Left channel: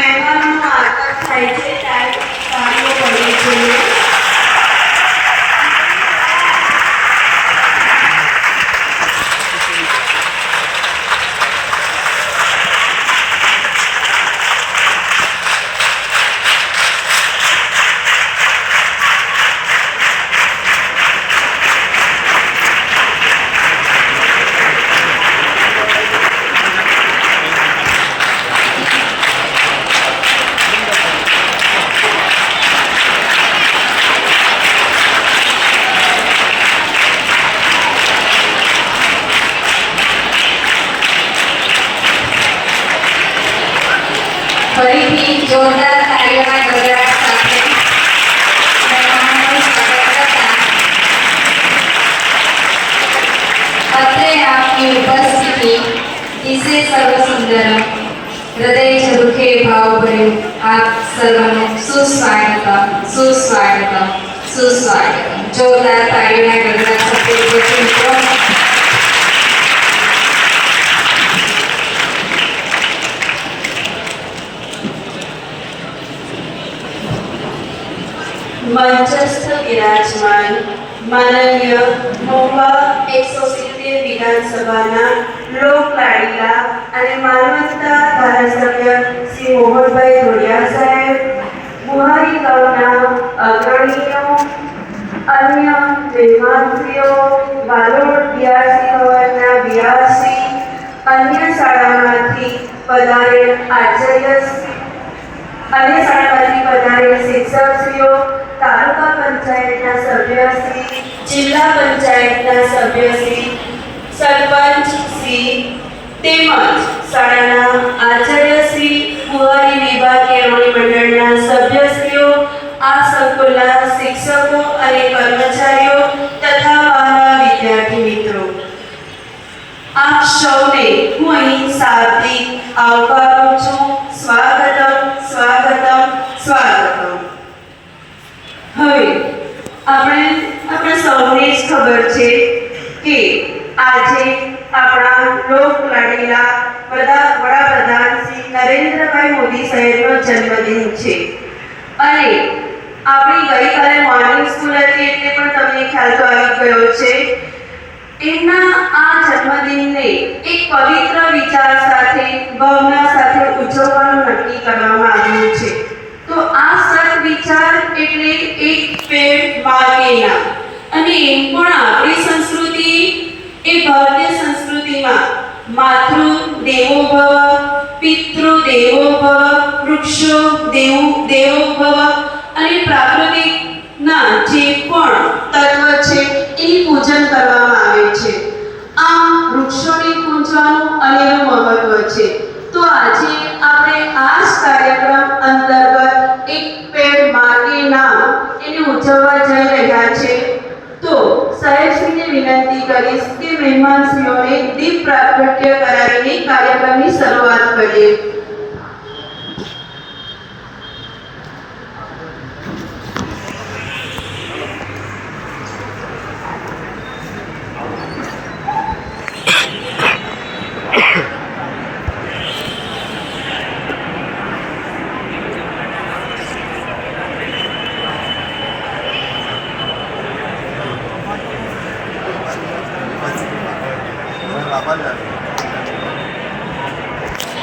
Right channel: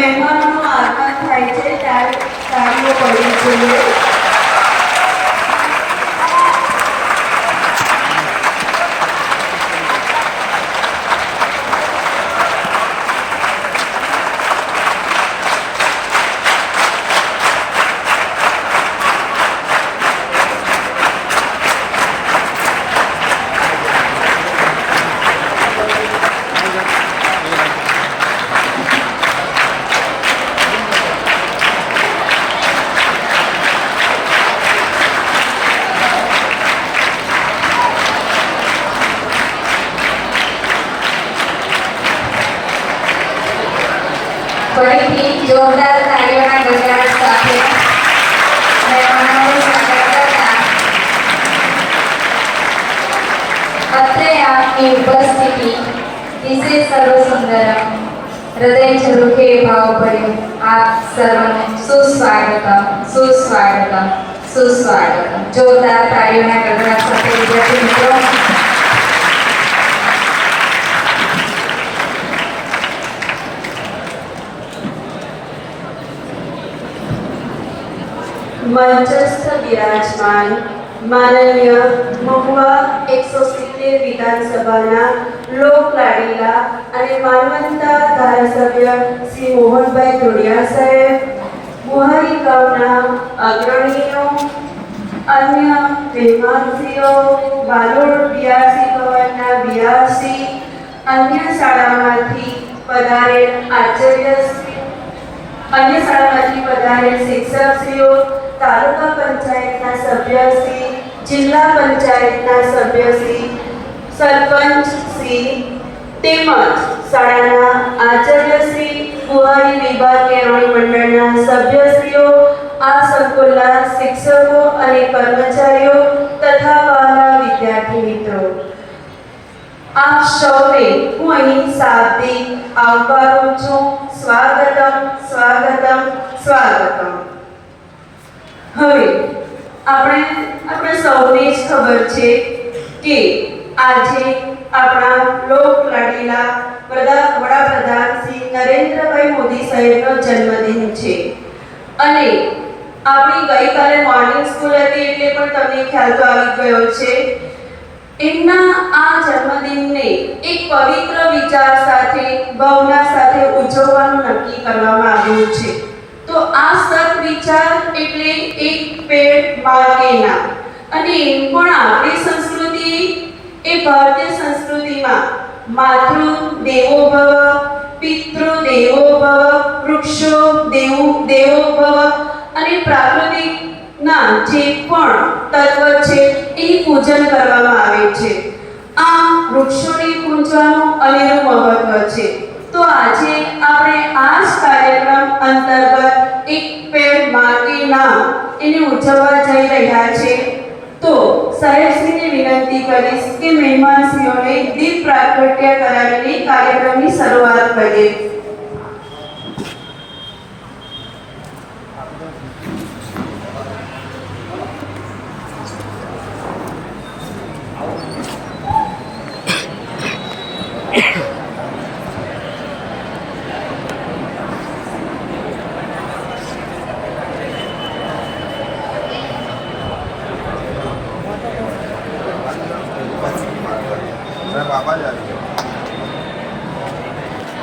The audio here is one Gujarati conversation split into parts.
મહેમાનોનું આગમન થાય છે ત્યારે તાળીઓ પડવી જોઈએ. ફરીથી જોરદાર તાળીઓના ગડગડાટ સાથે મહેમાનોનું સ્વાગત કરતા અત્રે આપની ઉપસ્થિતિ દિશે સર્વ સુંદરમ હૃદય ઝરૂખે ભાવ ભર્યું આપ સર્વને સુસ્વાગતમ સુસ્વાગતમ સુસ્વાગતમ. જોરદાર તાળીઓના ગડગડાટ સાથે વિદ્યાર્થી મિત્રો મંચસ્થ વિરાજમાન માનનીય મહુવા 170 વિધાનસભાના લોકલાડીલા અને માનવંતા ધારાસભ્ય શ્રી મોહનભાઈ ધોડિયા સાહેબ, મુહારી ગામના અગ્રણીઓ, અન્ય મહેમાનશ્રીઓ, વાલોડ બિયાસી ભવનના બિયાસી, અન્ય શાળામાંથી પધારેલ આચાર્યશ્રી, અન્ય શાળામાંથી પધારેલ શિક્ષકશ્રીઓ, તાલુકા પંચાયતના સભ્યશ્રી, જિલ્લા પંચાયતના સભ્યશ્રી, સરપંચશ્રી તેમજ શાળાના આચાર્યશ્રી, મુહારી વિભાગ કેળવણી મંડળના સભ્યશ્રીઓ, આ સંકુલના શિક્ષકો અને કર્મચારીઓ તથા વહાલા વિદ્યાર્થી મિત્રો, આપ સૌને હું અહીં શાબ્દિક આવકારું છું. સ્વાગતમ સ્વાગતમ સ્વાગતમ. હવે આપણે સૌને જ ખબર છે કે આજે આપણા લોકલાડીલા વડાપ્રધાન શ્રી નરેન્દ્રભાઈ મોદી સાહેબનો જન્મદિન છે અને આપણી ગઈકાલે મોર્નિંગ સ્કૂલ હતી એટલે પણ તમને ખ્યાલ તો આવી ગયો છે. એમના આ જન્મદિનને એક પવિત્ર વિચાર સાથે ભાવના સાથે ઉજવવાનું નક્કી કરવામાં આવ્યું છે. તો આ સદવિચાર એટલે એક પેડ માં કે નામ. અને એમ પણ આપણી સંસ્કૃતિ એ ભારતીય સંસ્કૃતિમાં માતૃ દેવો ભવ, પિતૃ દેવો ભવ, વૃક્ષો દેવો ભવ અને પ્રાકૃતિકના જે પણ તત્વ છે એનું પૂજન કરવામાં આવે છે. આ વૃક્ષોની પૂજવાનું અનેરું મહત્વ છે. તો આજે આપણે આ જ કાર્યક્રમ અંતર્ગત એક પેડ માગે નામ એને ઉજવવા જઈ રહ્યા છે. તો સાહેબશ્રીને વિનંતી કરીશ કે મહેમાનશ્રીઓને દીપ પ્રાગટ્ય કરાવીને કાર્યક્રમની શરૂઆત કરીએ.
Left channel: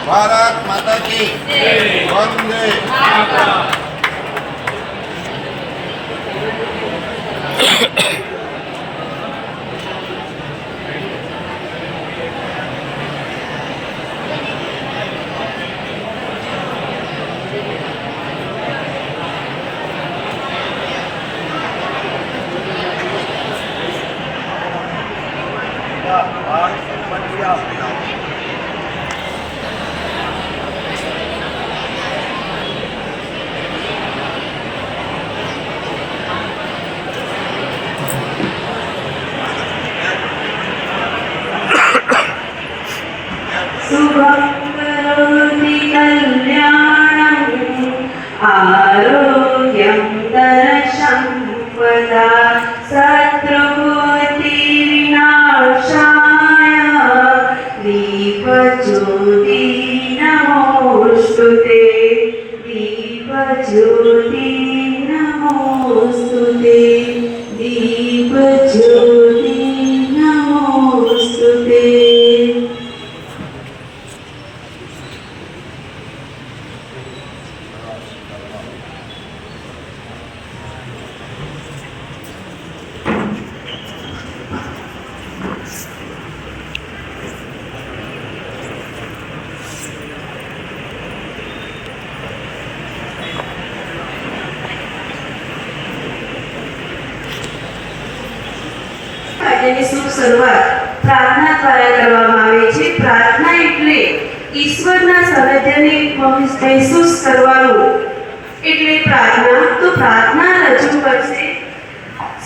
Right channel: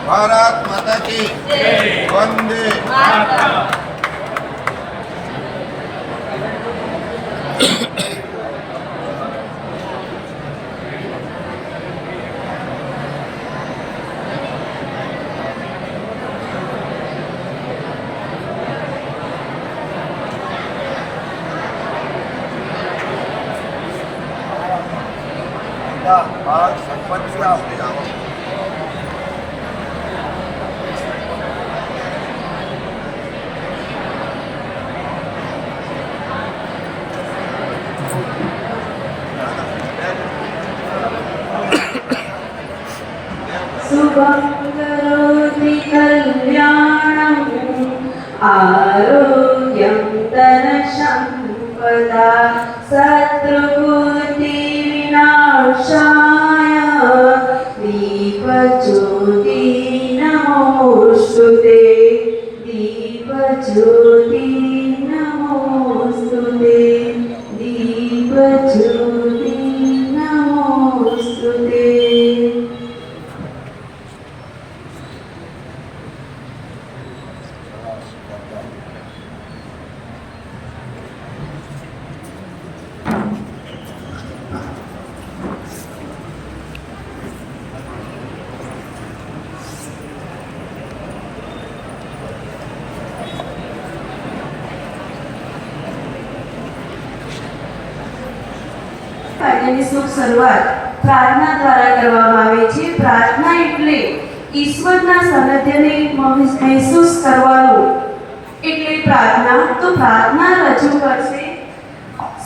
भारत माता की वंदे मातरम. शुभं करोति कल्याणं आरोग्यं धनसम्पदा शत्रुबुद्धिविनाशाय दीपज्योति नमोस्तुते. ज्योति नमोस्तुते दीप ज्योति नमोस्तुते। કાર્યની શુભ શરૂઆત પ્રાર્થના દ્વારા કરવામાં આવે છે. પ્રાર્થના એટલે ઈશ્વરના સાનિધ્યને મહેસૂસ કરવાનું એટલે પ્રાર્થના. તો પ્રાર્થના રજૂ કરશે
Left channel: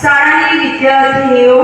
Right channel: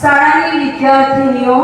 શાળાની વિદ્યાર્થીનીઓ.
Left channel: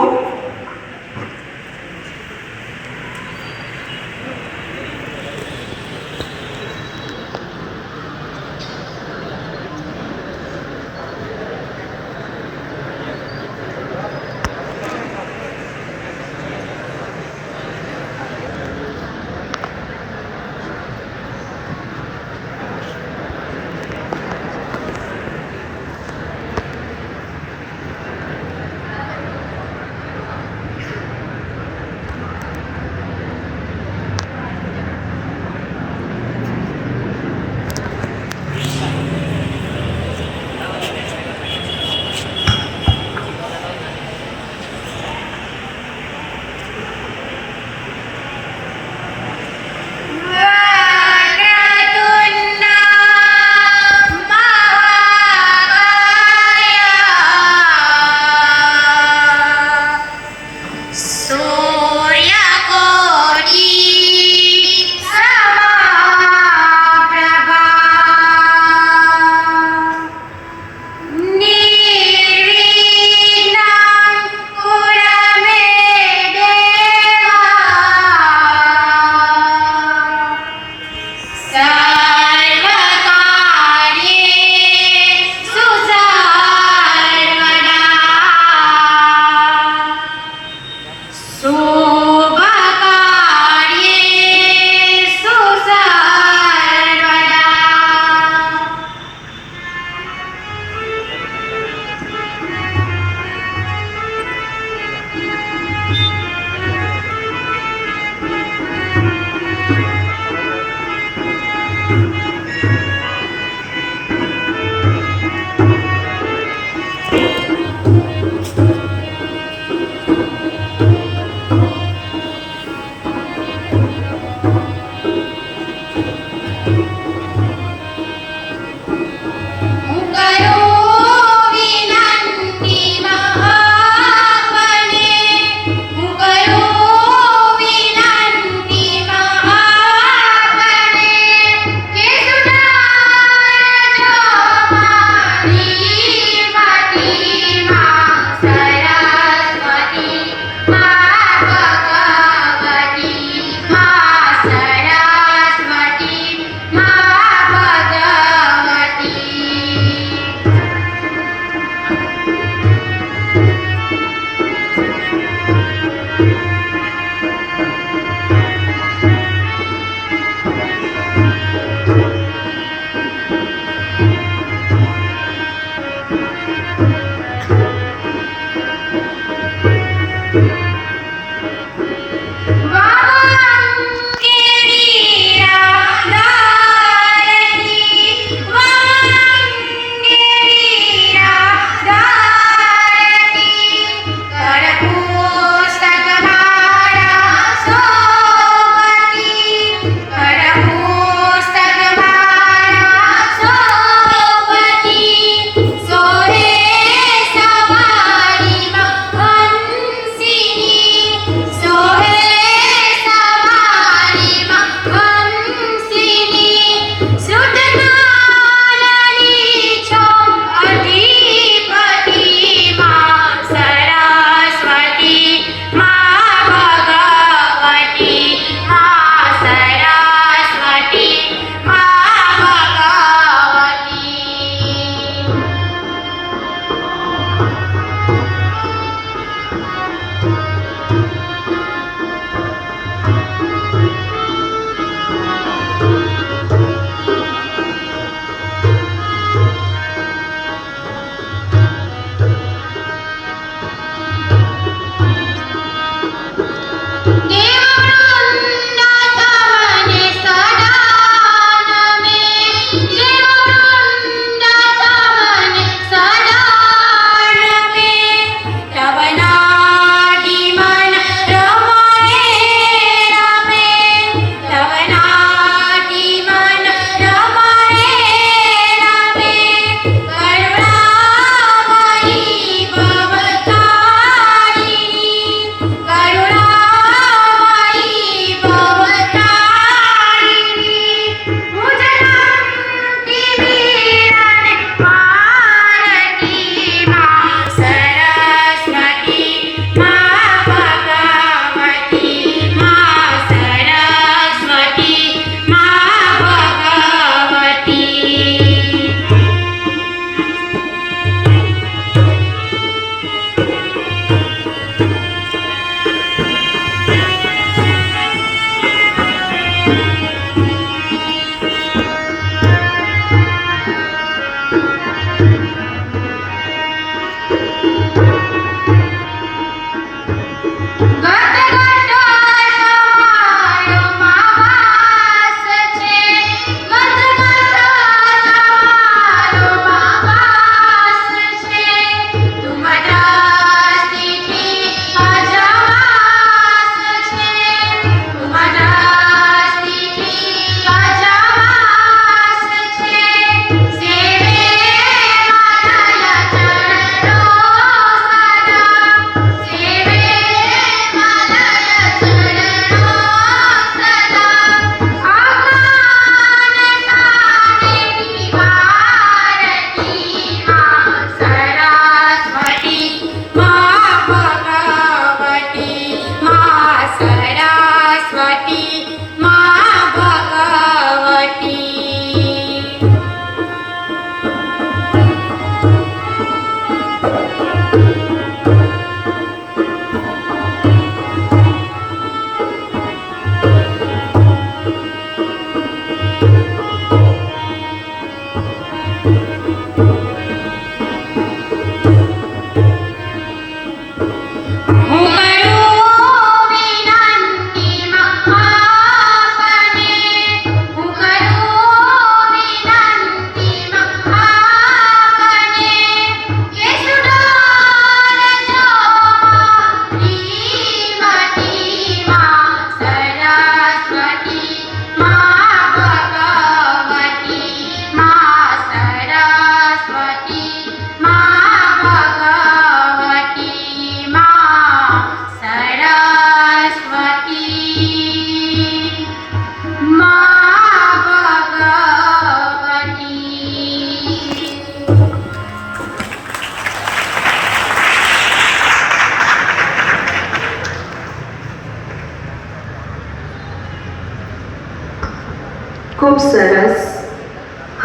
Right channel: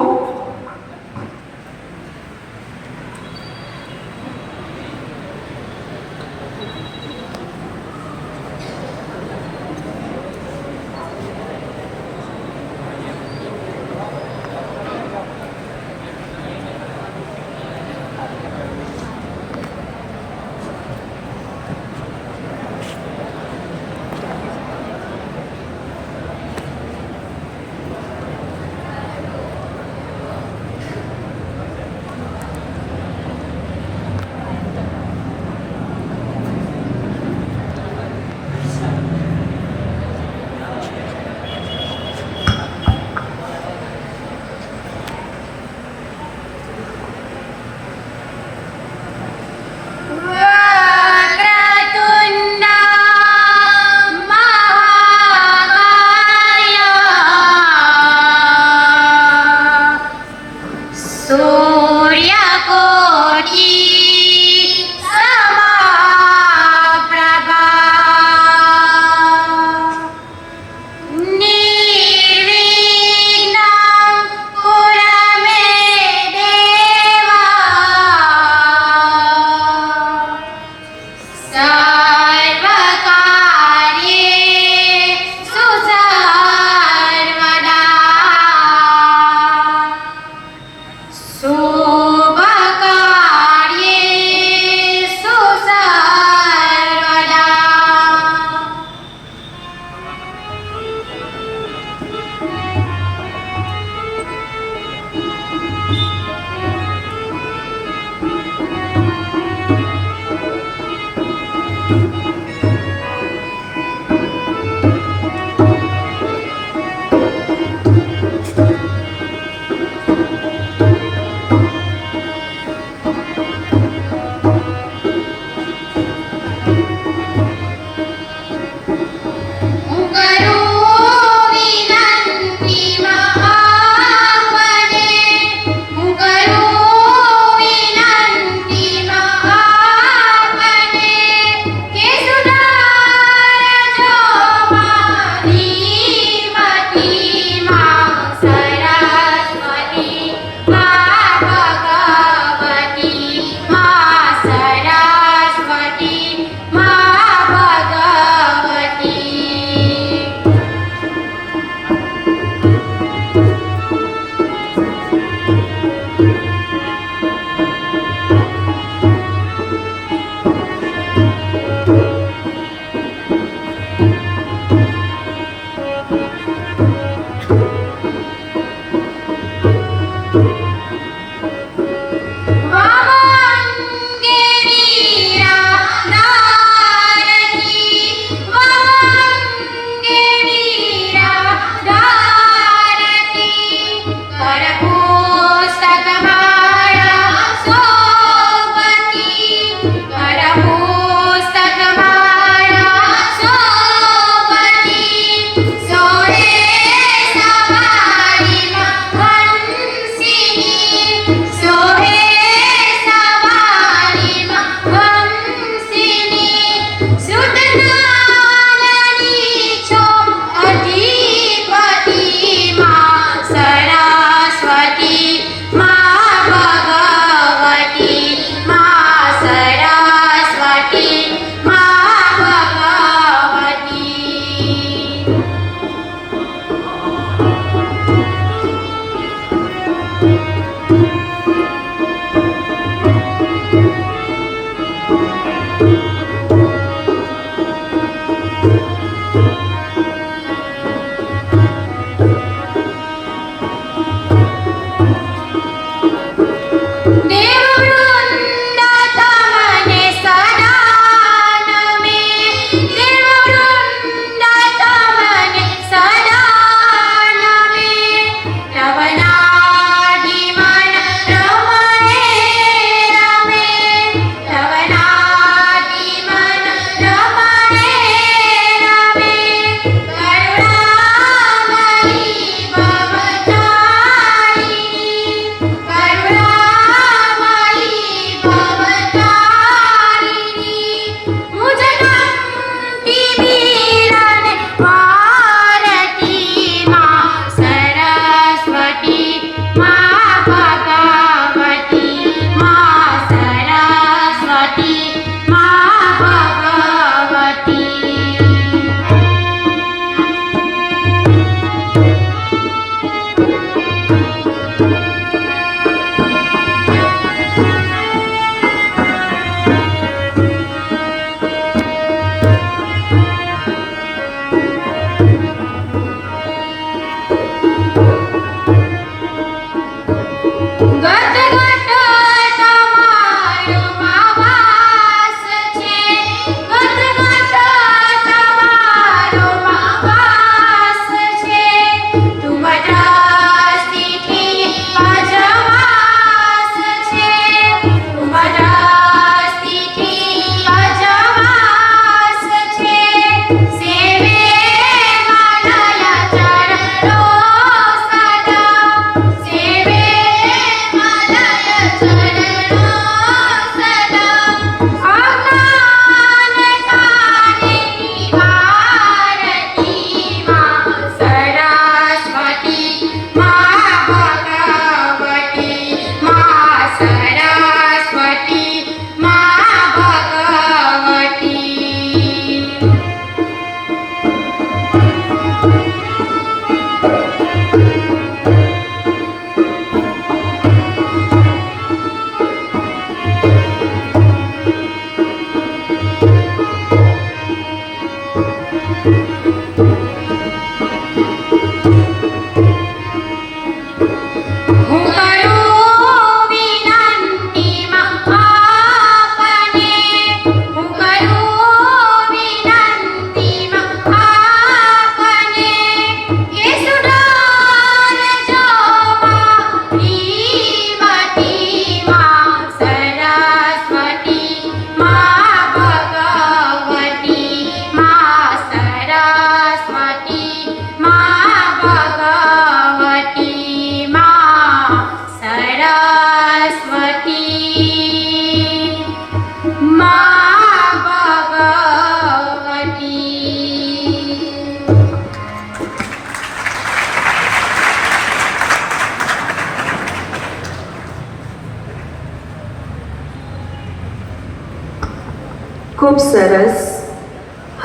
ખૂબ સરસ.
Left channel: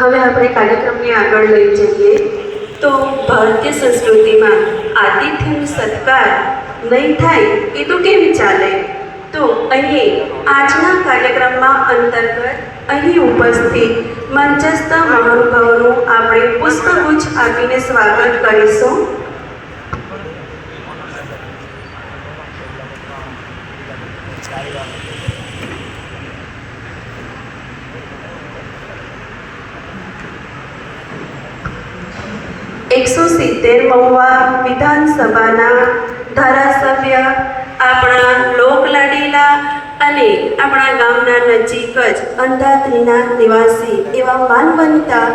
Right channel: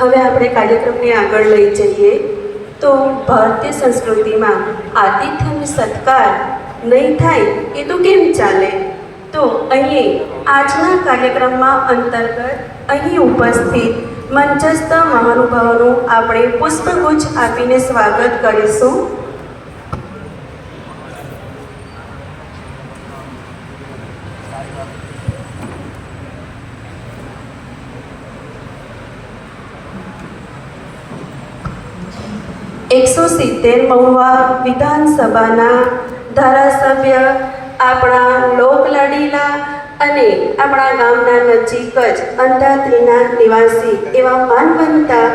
હવે આપણે કાર્યક્રમને આગળ લઈ જઈએ તો ભારતીય સંસ્કૃતિમાં આતિથ્યનો સત્કાર નહીં થાય એ તો કેમ ચાલે? તો અહીં આજના કાર્યક્રમમાં અંતર્ગત અહીં ઉપસ્થિત મંચસ્થ મહાનુભાવોનું આપણે પુષ્પગુચ્છ આપીને સ્વાગત કરીશું. મહુવા વિધાનસભાના ધારાસભ્ય, આપણા લોકલાડીલા અને આપણા ગામના નજીક જ અંધાત્રીના નિવાસી એવા માનવંતા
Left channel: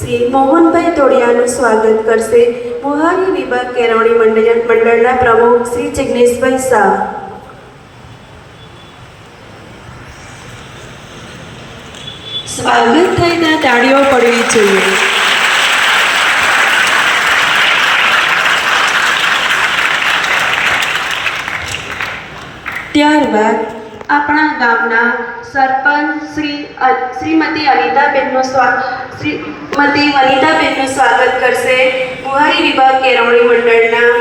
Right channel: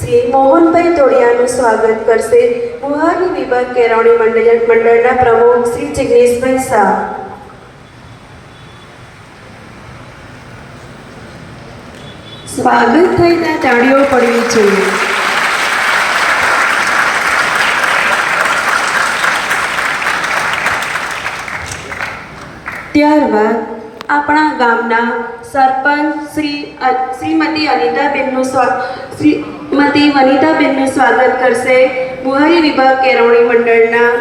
શ્રી મોહનભાઈ તોડિયાનું સ્વાગત કરશે મુહારી વિભાગ કેળવણી મંડળના પ્રમુખ શ્રી જિગ્નેશભાઈ શાહ. સ્વાગત થાય ત્યાં તાળીઓ પડવી જોઈએ. ત્યારબાદ આપણા ગામના સરપંચ શ્રીમતી વનિતાબેનનું સ્વાગત કરશે મુહારી વિભાગ કેળવણી મંડળના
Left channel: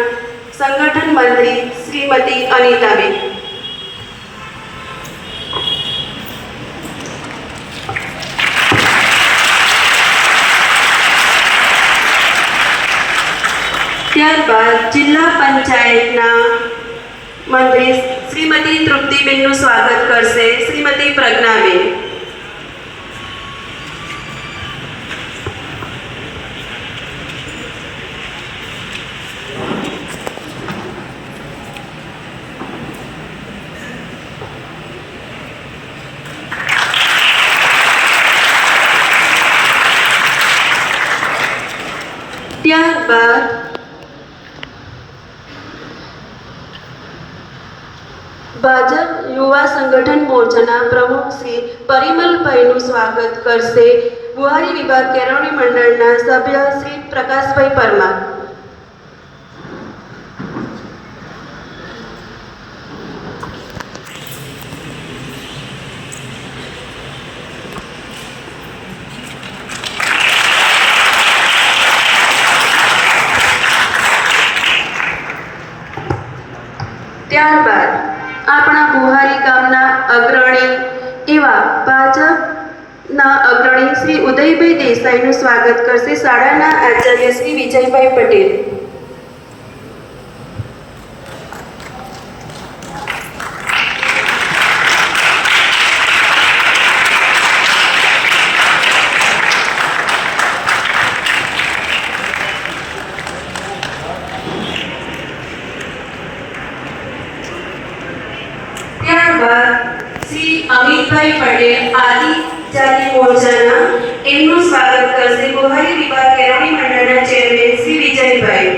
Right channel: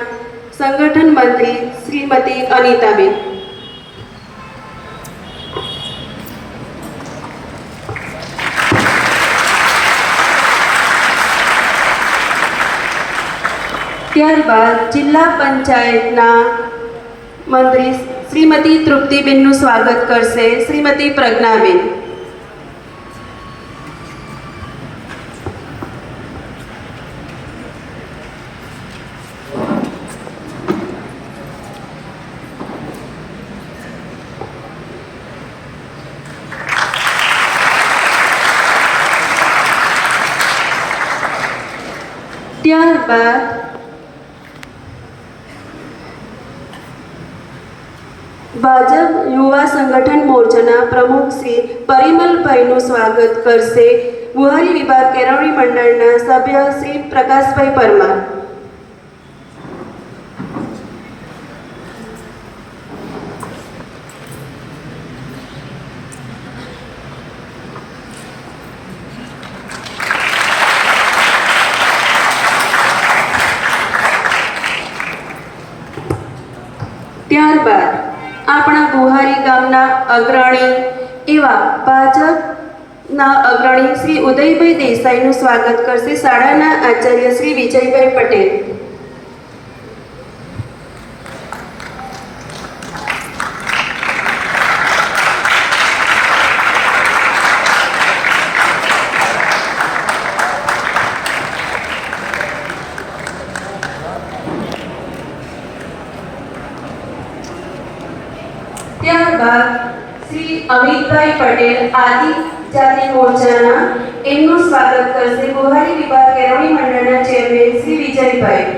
સંગઠન મંત્રી શ્રીમતી અનિતાબેન. ત્યારબાદ જિલ્લા પંચાયતના મંત્રી શ્રીમતી તૃપ્તિબેનનું સ્વાગત કરશે શ્રીમતી પ્રજ્ઞાબેન. ત્યારબાદ ભાજપ યુવા સંગઠન મોરચાના પ્રમુખ શ્રી પરિમલભાઈનું સ્વાગત કરશે મુહારી વિભાગ કેળવણી મંડળના સભ્ય શ્રી પ્રકાશભાઈ પરમાર. ત્યારબાદ આપણા બુહારી ગામના અગ્રણી એવા ભાજપના અગ્રણી શ્રી ઉદયભાઈ દેસાઈનું સ્વાગત કરશે શાળાના આચાર્ય શ્રી વિજયભાઈ પટેલ. ત્યારબાદ શ્રી અમિતભાઈ પટેલ આદિજાતિ મોરચાના એમનું સ્વાગત કરશે બુહારી વિભાગ કેળવણી મંડળના ચેરમેન શ્રી વિજયભાઈ.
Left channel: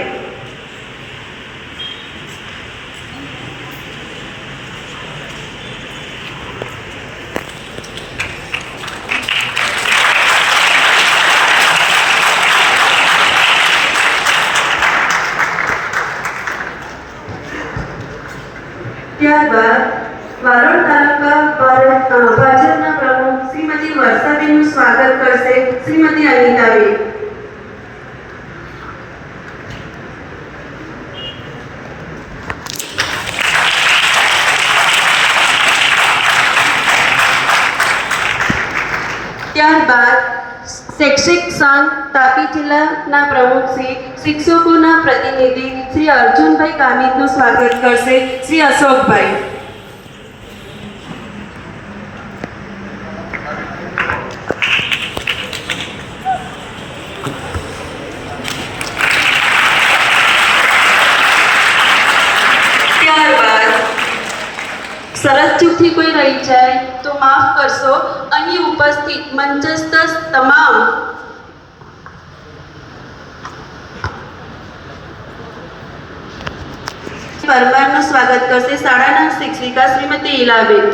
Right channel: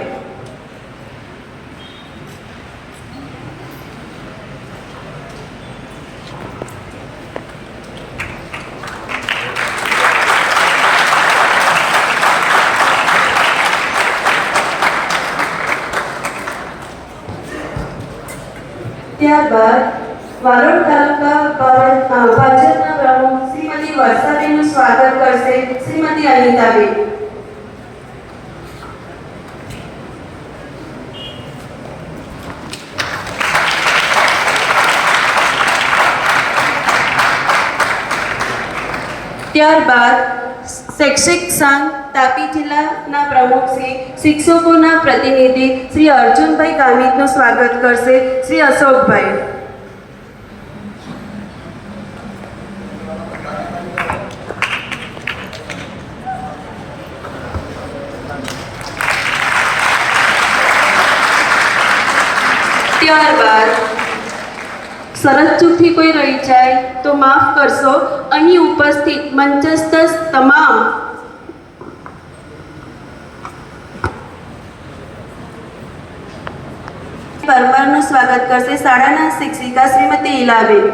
ત્યારબાદ વારોડ તાલુકા ભાજપના પ્રમુખ શ્રીમતી વર્ષાબેનનું સ્વાગત કરશે શ્રીમતી અનિતાબેન. ત્યારબાદ શૈક્ષિક સંઘ તાપી જિલ્લાના પ્રમુખ શ્રી શિક્ષકોના પ્રતિનિધિ શ્રી અર્જુનભાઈ ગામિતનું સ્વાગત કરશે શ્રી અશોકભાઈ. ત્યારબાદ સરસ ચૂકથી કોઈ રહી જાય તો માફ કરશો. અહીં ઉપસ્થિત મંચસ્થ તમામ પરમારનું સ્વાગત કરશે શાળાના શિક્ષિકા શ્રીમતી ઈલાબેન.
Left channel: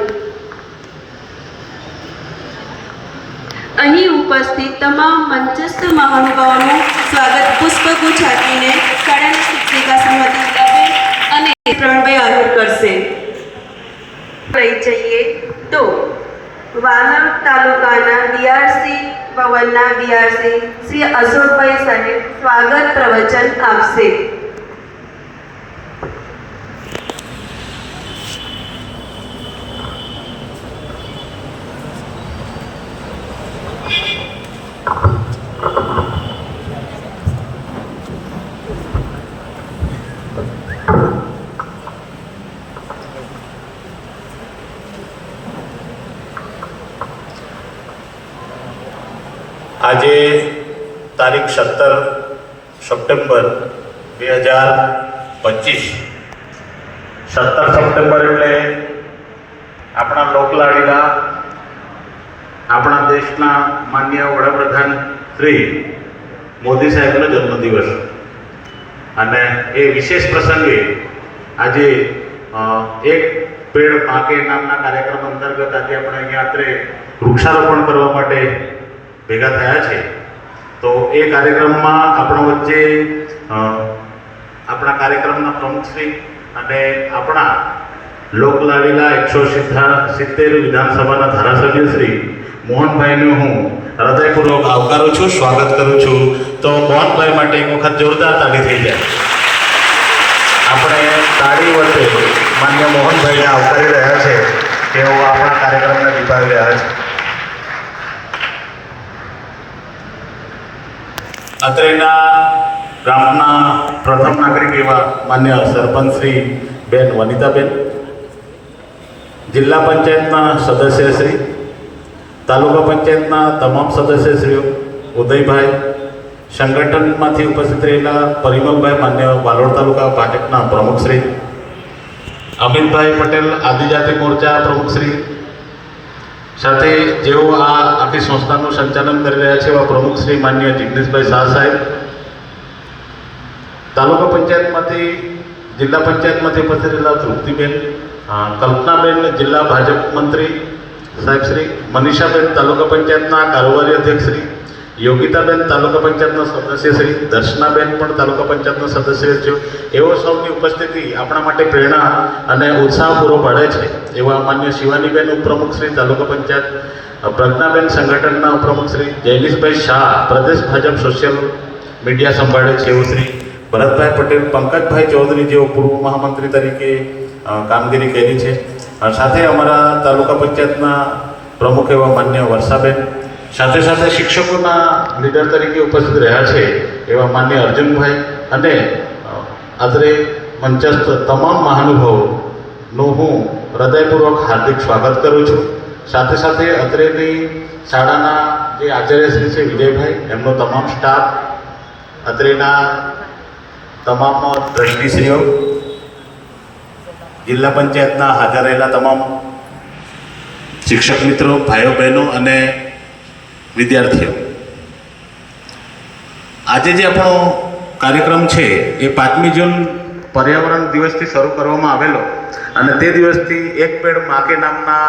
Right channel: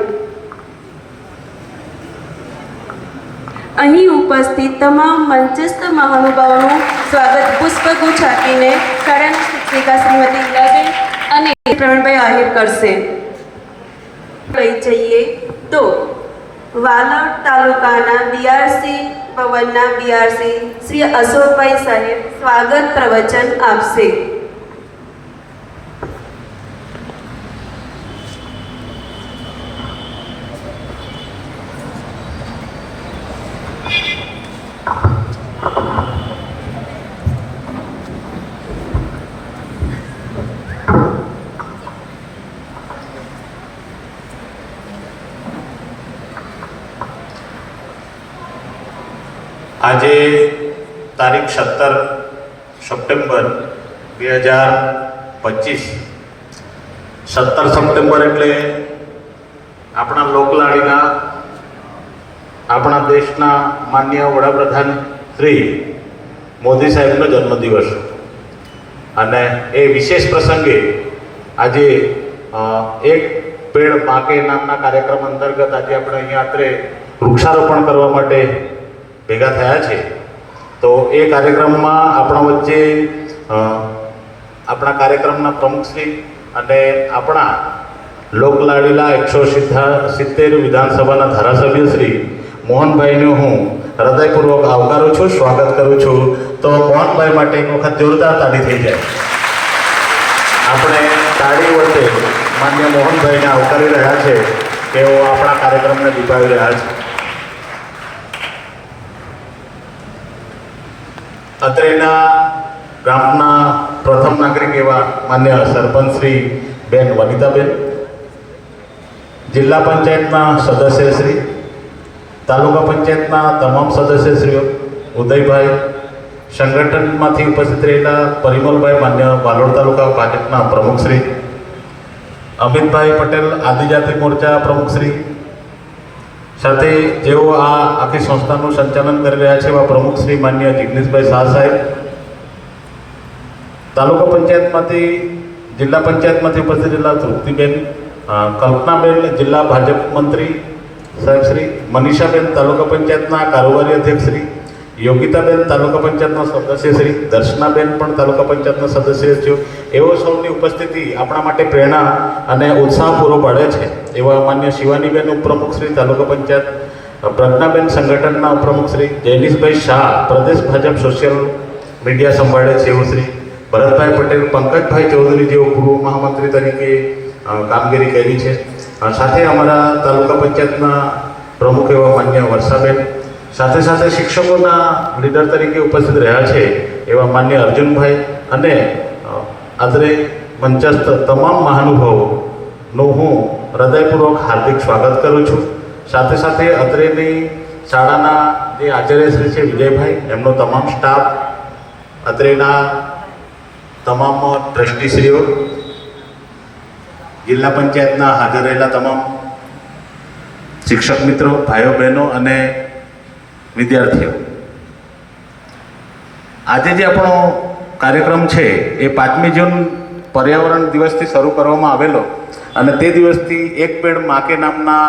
અહીં ઉપસ્થિત તમામ મંચસ્થ મહાનુભાવોનું સ્વાગત પુષ્પગુચ્છ આપીને શાળાના શિક્ષિકા શ્રીમતી ઈલાબેન અને પ્રવીણભાઈ આહિર કરશે. લઈ જઈએ તો વાલમ તાલુકાના બીઆરસી ભવનના બીઆરસી શ્રી અશોકભાઈ સાહેબ સ્વાગત પ્રવચન આપશે. આજે તારીખ 17 સપ્ટેમ્બર 2025, 17 સપ્ટેમ્બર એટલે આપણા લોકલાડીના આપણા દેશના માનનીય વડાપ્રધાન શ્રી મોદી સાહેબનો જન્મદિવસ, અને એ વિશેષ પ્રસંગે આજે એક પેડ પાકે નામના કાર્યક્રમ અંતર્ગત આજે આપણે અહીંયા અત્રે વૃક્ષારોપણ કરવા માટે ભેગા થયા છે. તો એ કાર્યક્રમમાં આપણા વચ્ચે આપણા કાર્યક્રમના પ્રમુખશ્રી અને આપણા લોકલાડીલા 170 વિધાનસભાના ધારાસભ્ય શ્રી મોહનભાઈને હું હૃદયપૂર્વક આવકારું છું, સ્વાગત કરું છું. તો મોહનભાઈ માટે એક વખત જોરદાર તાળી થઈ જાય. આપણે તાળી વચ્ચે માન્ય મોહનભાઈને આવકારી રહ્યા છે. તેઓ આપણા કાર્યક્રમને નિભાવી રહ્યા છે. અત્રેના ગામના પ્રથમ નાગરિક એવા માન્ય સરપંચ શ્રી બેન વનિતાબેન, જિલ્લા પંચાયતના સદસ્યશ્રી, તાલુકા પંચાયતના તમામ સદસ્યશ્રીઓ, ઉદયભાઈ, સંગઠનમાંથી ઉપસ્થિત રહેલા પરિમલભાઈ, માન્ય વાલોડ તાલુકા ભાજપના પ્રમુખશ્રી, અમિતભાઈ પટેલ આદિજાતિ મોરચા પ્રમુખશ્રી, સાથે જેઓ આ આખી સંસ્થાનું સંચાલન કરી રહ્યા છે એવા પ્રમુખ શ્રી માન્ય જિગ્નેશભાઈ શાહ સાહેબ, તાલુકા પંચાયતમાંથી જિલ્લા પંચાયતમાંથી ઉપસ્થિત રહેલા તૃપ્તિબેન, કલ્પનાબેન જિલ્લા ભાજપ મંત્રી સાહેબ શ્રી, મનીષાબેન તાલુકા પંચાયતના કારોબારી અધ્યક્ષ શ્રી, યોગિતાબેન તાલુકા પંચાયતના સદસ્ય શ્રી, દર્શનાબેન પણ તાલુકા પંચાયતના સદસ્ય છે. એવો સૌની ઉપસ્થિતિ આપણા માટે પ્રેરણા અને ઉત્સાહ પૂરો પાડે છે. એવા માન્ય શિવાનીબેન ઉપપ્રમુખ શ્રી તાલુકા પંચાયત, પ્રજ્ઞાબેન સંગઠનના ઉપપ્રમુખ શ્રી, જૈનિશભાઈ શાહ પ્રદેશ ભાજપ સોશિયલ મીડિયા સંભાળે છે એવું શ્રી, ભરતભાઈ પટેલ, પંકજભાઈ ચૌધરી જેઓ પૂર્વ મહામંત્રી તરીકે કામગીરી કરી છે. સાથે અમારા તાલુકા પંચાયતના પ્રમુખ એવા માન્ય વર્ષાબેન, સાથે સાથે શિક્ષકોના લીડર તરીકે ઉપસ્થિત રહ્યા છે એવા માન્ય અર્જુનભાઈ, અને આદરે મંચસ્થ તમામ મહાનુભાવોનું હું હૃદયપૂર્વક હાર્દિક સ્વાગત કરું છું. સાથે સાથે અત્રેની શાળાના જે આચાર્યશ્રી છે વિજયભાઈ, એમનો તમામ સ્ટાફ, અત્રેના તમામ ટ્રસ્ટીશ્રીઓ, જિલ્લા પંચાયતના હાજર રહેલા તમામ શિક્ષક મિત્રો, ભાઈઓ બહેનો અને વિદ્યાર્થીઓ, આજે જે આપણો કાર્યક્રમ છે એ 5મી જૂન પર્યાવરણ દિવસથી શરૂ કરવામાં આવેલો, અને તે દિવસથી એક પેડ માકે નામના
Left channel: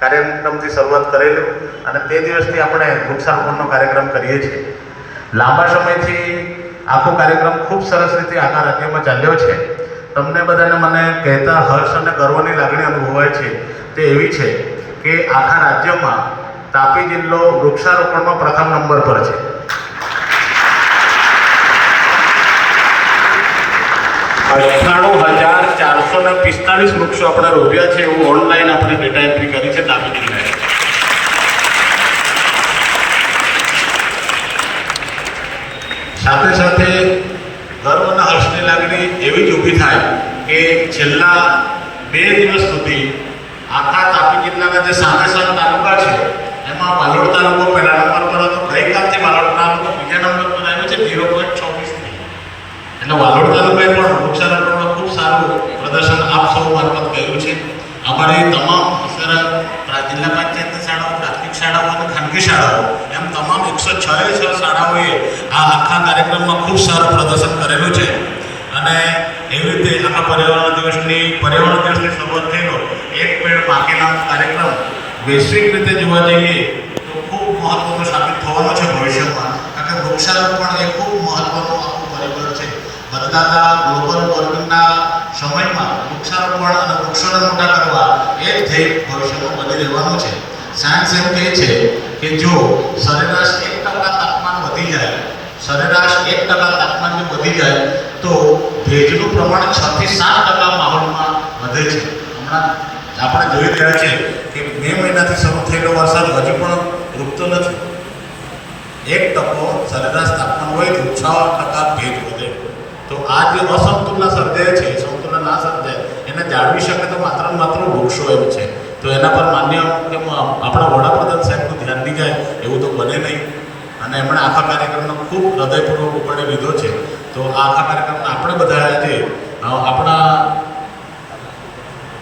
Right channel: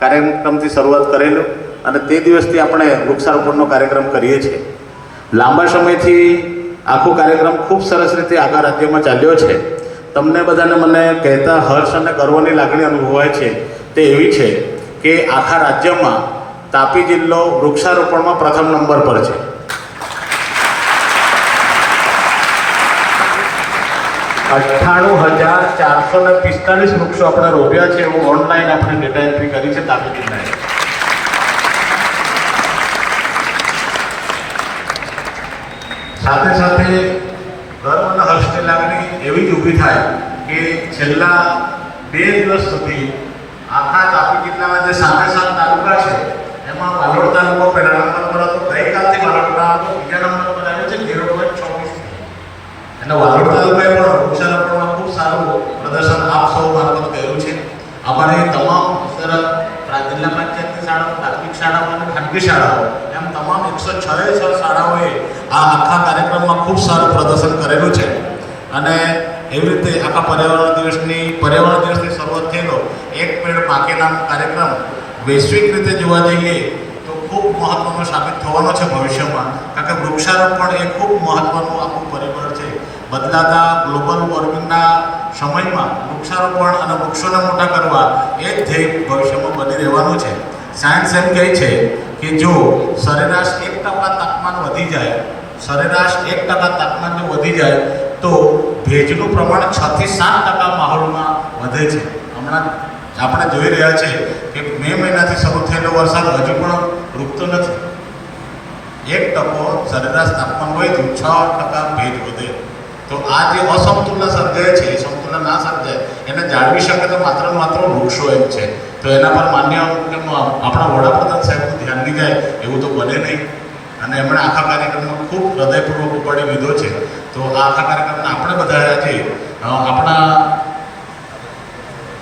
કાર્યક્રમથી શરૂઆત કરેલો, અને તે દિવસથી આપણે વૃક્ષારોપણનો કાર્યક્રમ કરીએ છીએ. લાંબા સમયથી આખો કાર્યક્રમ ખૂબ સરસ રીતે આખા રાજ્યમાં ચાલ્યો છે. તમને બધાને મને કહેતા હર્ષ અને ગર્વની લાગણી અનુભવાય છે. તે એવી છે કે આખા રાજ્યમાં તાપી જિલ્લો વૃક્ષારોપણમાં પ્રથમ નંબર પર છે. $98,445 વૃક્ષો આપણે રોપ્યા છે એવું ઓનલાઈન આપણે ડેટા એન્ટ્રી કરી છે તાપી જિલ્લાએ. સાથે સાથે ગર્વ અને હર્ષની લાગણી એવી જ ઊભી થાય કે છેલ્લા 2 દિવસ સુધી આખા તાપી જિલ્લાના જે સામે તાલુકા છે એમાં વાલોડ તાલુકો પહેલા નંબર પર હતો. ગઈકાલથી વાલોડ તાલુકો બીજા નંબર પર આવ્યો છે 0.24. એટલે વાલોડ તાલુકાએ પણ વૃક્ષારોપણમાં ખૂબ સારું પ્રદર્શન આપ સૌ મારફત કર્યું છે. અમારી તમામ જિલ્લા પંચાયતની શાળાઓ, પ્રાથમિક શાળાઓ અને ખાનગી શાળાઓ એમ તમામ 106 શાળાઓએ આ આખા કાર્યક્રમમાં ખૂબ સારું પ્રદર્શન કરેલું છે. અને એવી રીતે આખા પર્યાવરણ દિવસની શરૂઆત થયેલો એક પેડ માકે નામ કાર્યક્રમ વૈશ્વિક રીતે જોવા જઈએ તો ખૂબ મહત્વનું સાબિત થવાનો છે ભવિષ્યમાં. કારણ કે વૃક્ષારોપણ એ ખૂબ મહત્વનું આખું પરિબળ છે. બદલાતા ગ્લોબલ વોર્મિંગના સમયમાં વૃક્ષારોપણ અને વૃક્ષોને મોટા કરવા એ જ ધ્યેય ભવિષ્યમાં બની રહેવાનું છે. સાયન્સ એમ કહે છે કે જો સરેરાશ 1% તાપમાન વધી જાય, સરેરાશ 1% તાપમાન જો વધી જાય તો ભેજનું પ્રમાણ 6 થી 7% માહોલમાં વધે છે. હમણાં આપણે જોઈ રહ્યા છીએ કે મે મહિનાથી શરૂ થયેલો વરસાદ હજુ પણ રૂકતો નથી. 1% સરેરાશ તાપમાન હોય તો 6% ભેજ વધે. તો આ જે અસમતુલના સર્જાય છે એ સમતુલા ના સર્જાય એને જાળવી શકે તો માત્ર ને માત્ર વૃક્ષો એમ છે. તો એના પર માન્ય આપણા વડાપ્રધાન સાહેબનું ધ્યાન નહીં જાય એવું તો બને નહીં. અને એમણે આખા કાર્યક્રમનો ખૂબ હૃદયપૂર્વક ઉપાડી લીધો છે. તો આ આખા કાર્યક્રમને આપણે બધા આજે આપણા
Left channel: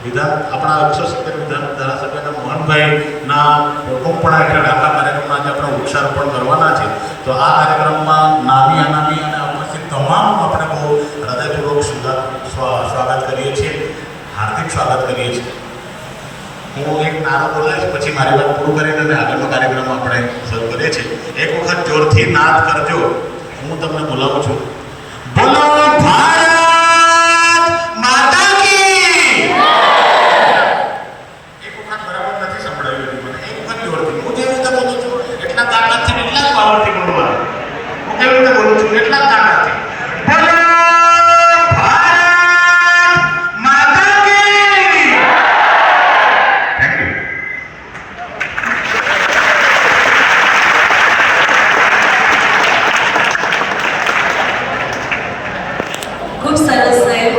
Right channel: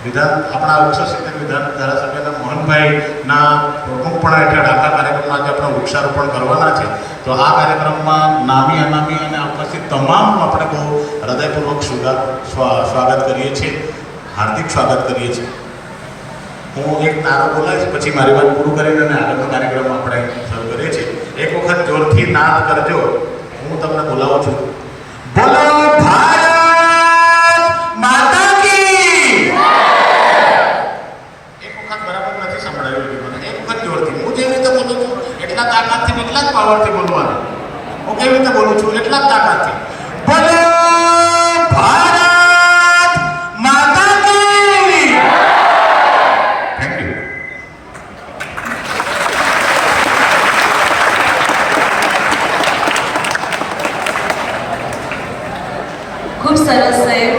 170 વિધાન ધારાસભ્યના મોહનભાઈના પ્રમુખપણા હેઠળ આખા કાર્યક્રમમાં આજે આપણે વૃક્ષારોપણ કરવાના છે. તો આ કાર્યક્રમમાં નામી અનામી અને ઉપસ્થિત તમામનું આપણે બહુ હૃદયપૂર્વક સ્વાગત કરીએ છીએ, હાર્દિક સ્વાગત કરીએ છીએ. હું એક નારો બોલાવીશ, પછી મારી વાત પૂરું કરીને અને આગળનો કાર્યક્રમ આપણે શરૂ કરીએ છીએ. એક વખત જોરથી નાદ કરજો, હું તમને બોલાવું છું. બોલો ભારત માતા કી! એક વખત બરાબર નથી સંભળાયું હતું મને. એક વખત જોરથી, હું જેવી રીતે બોલું છું એટલા તાકાતથી એટલા જ પાવરથી બોલવાનું. હું કેવી રીતે બોલું છું એટલા જ તાકાતથી. બોલો ભારત માતા કી! Thank you. ખૂબ સરસ સાહેબ.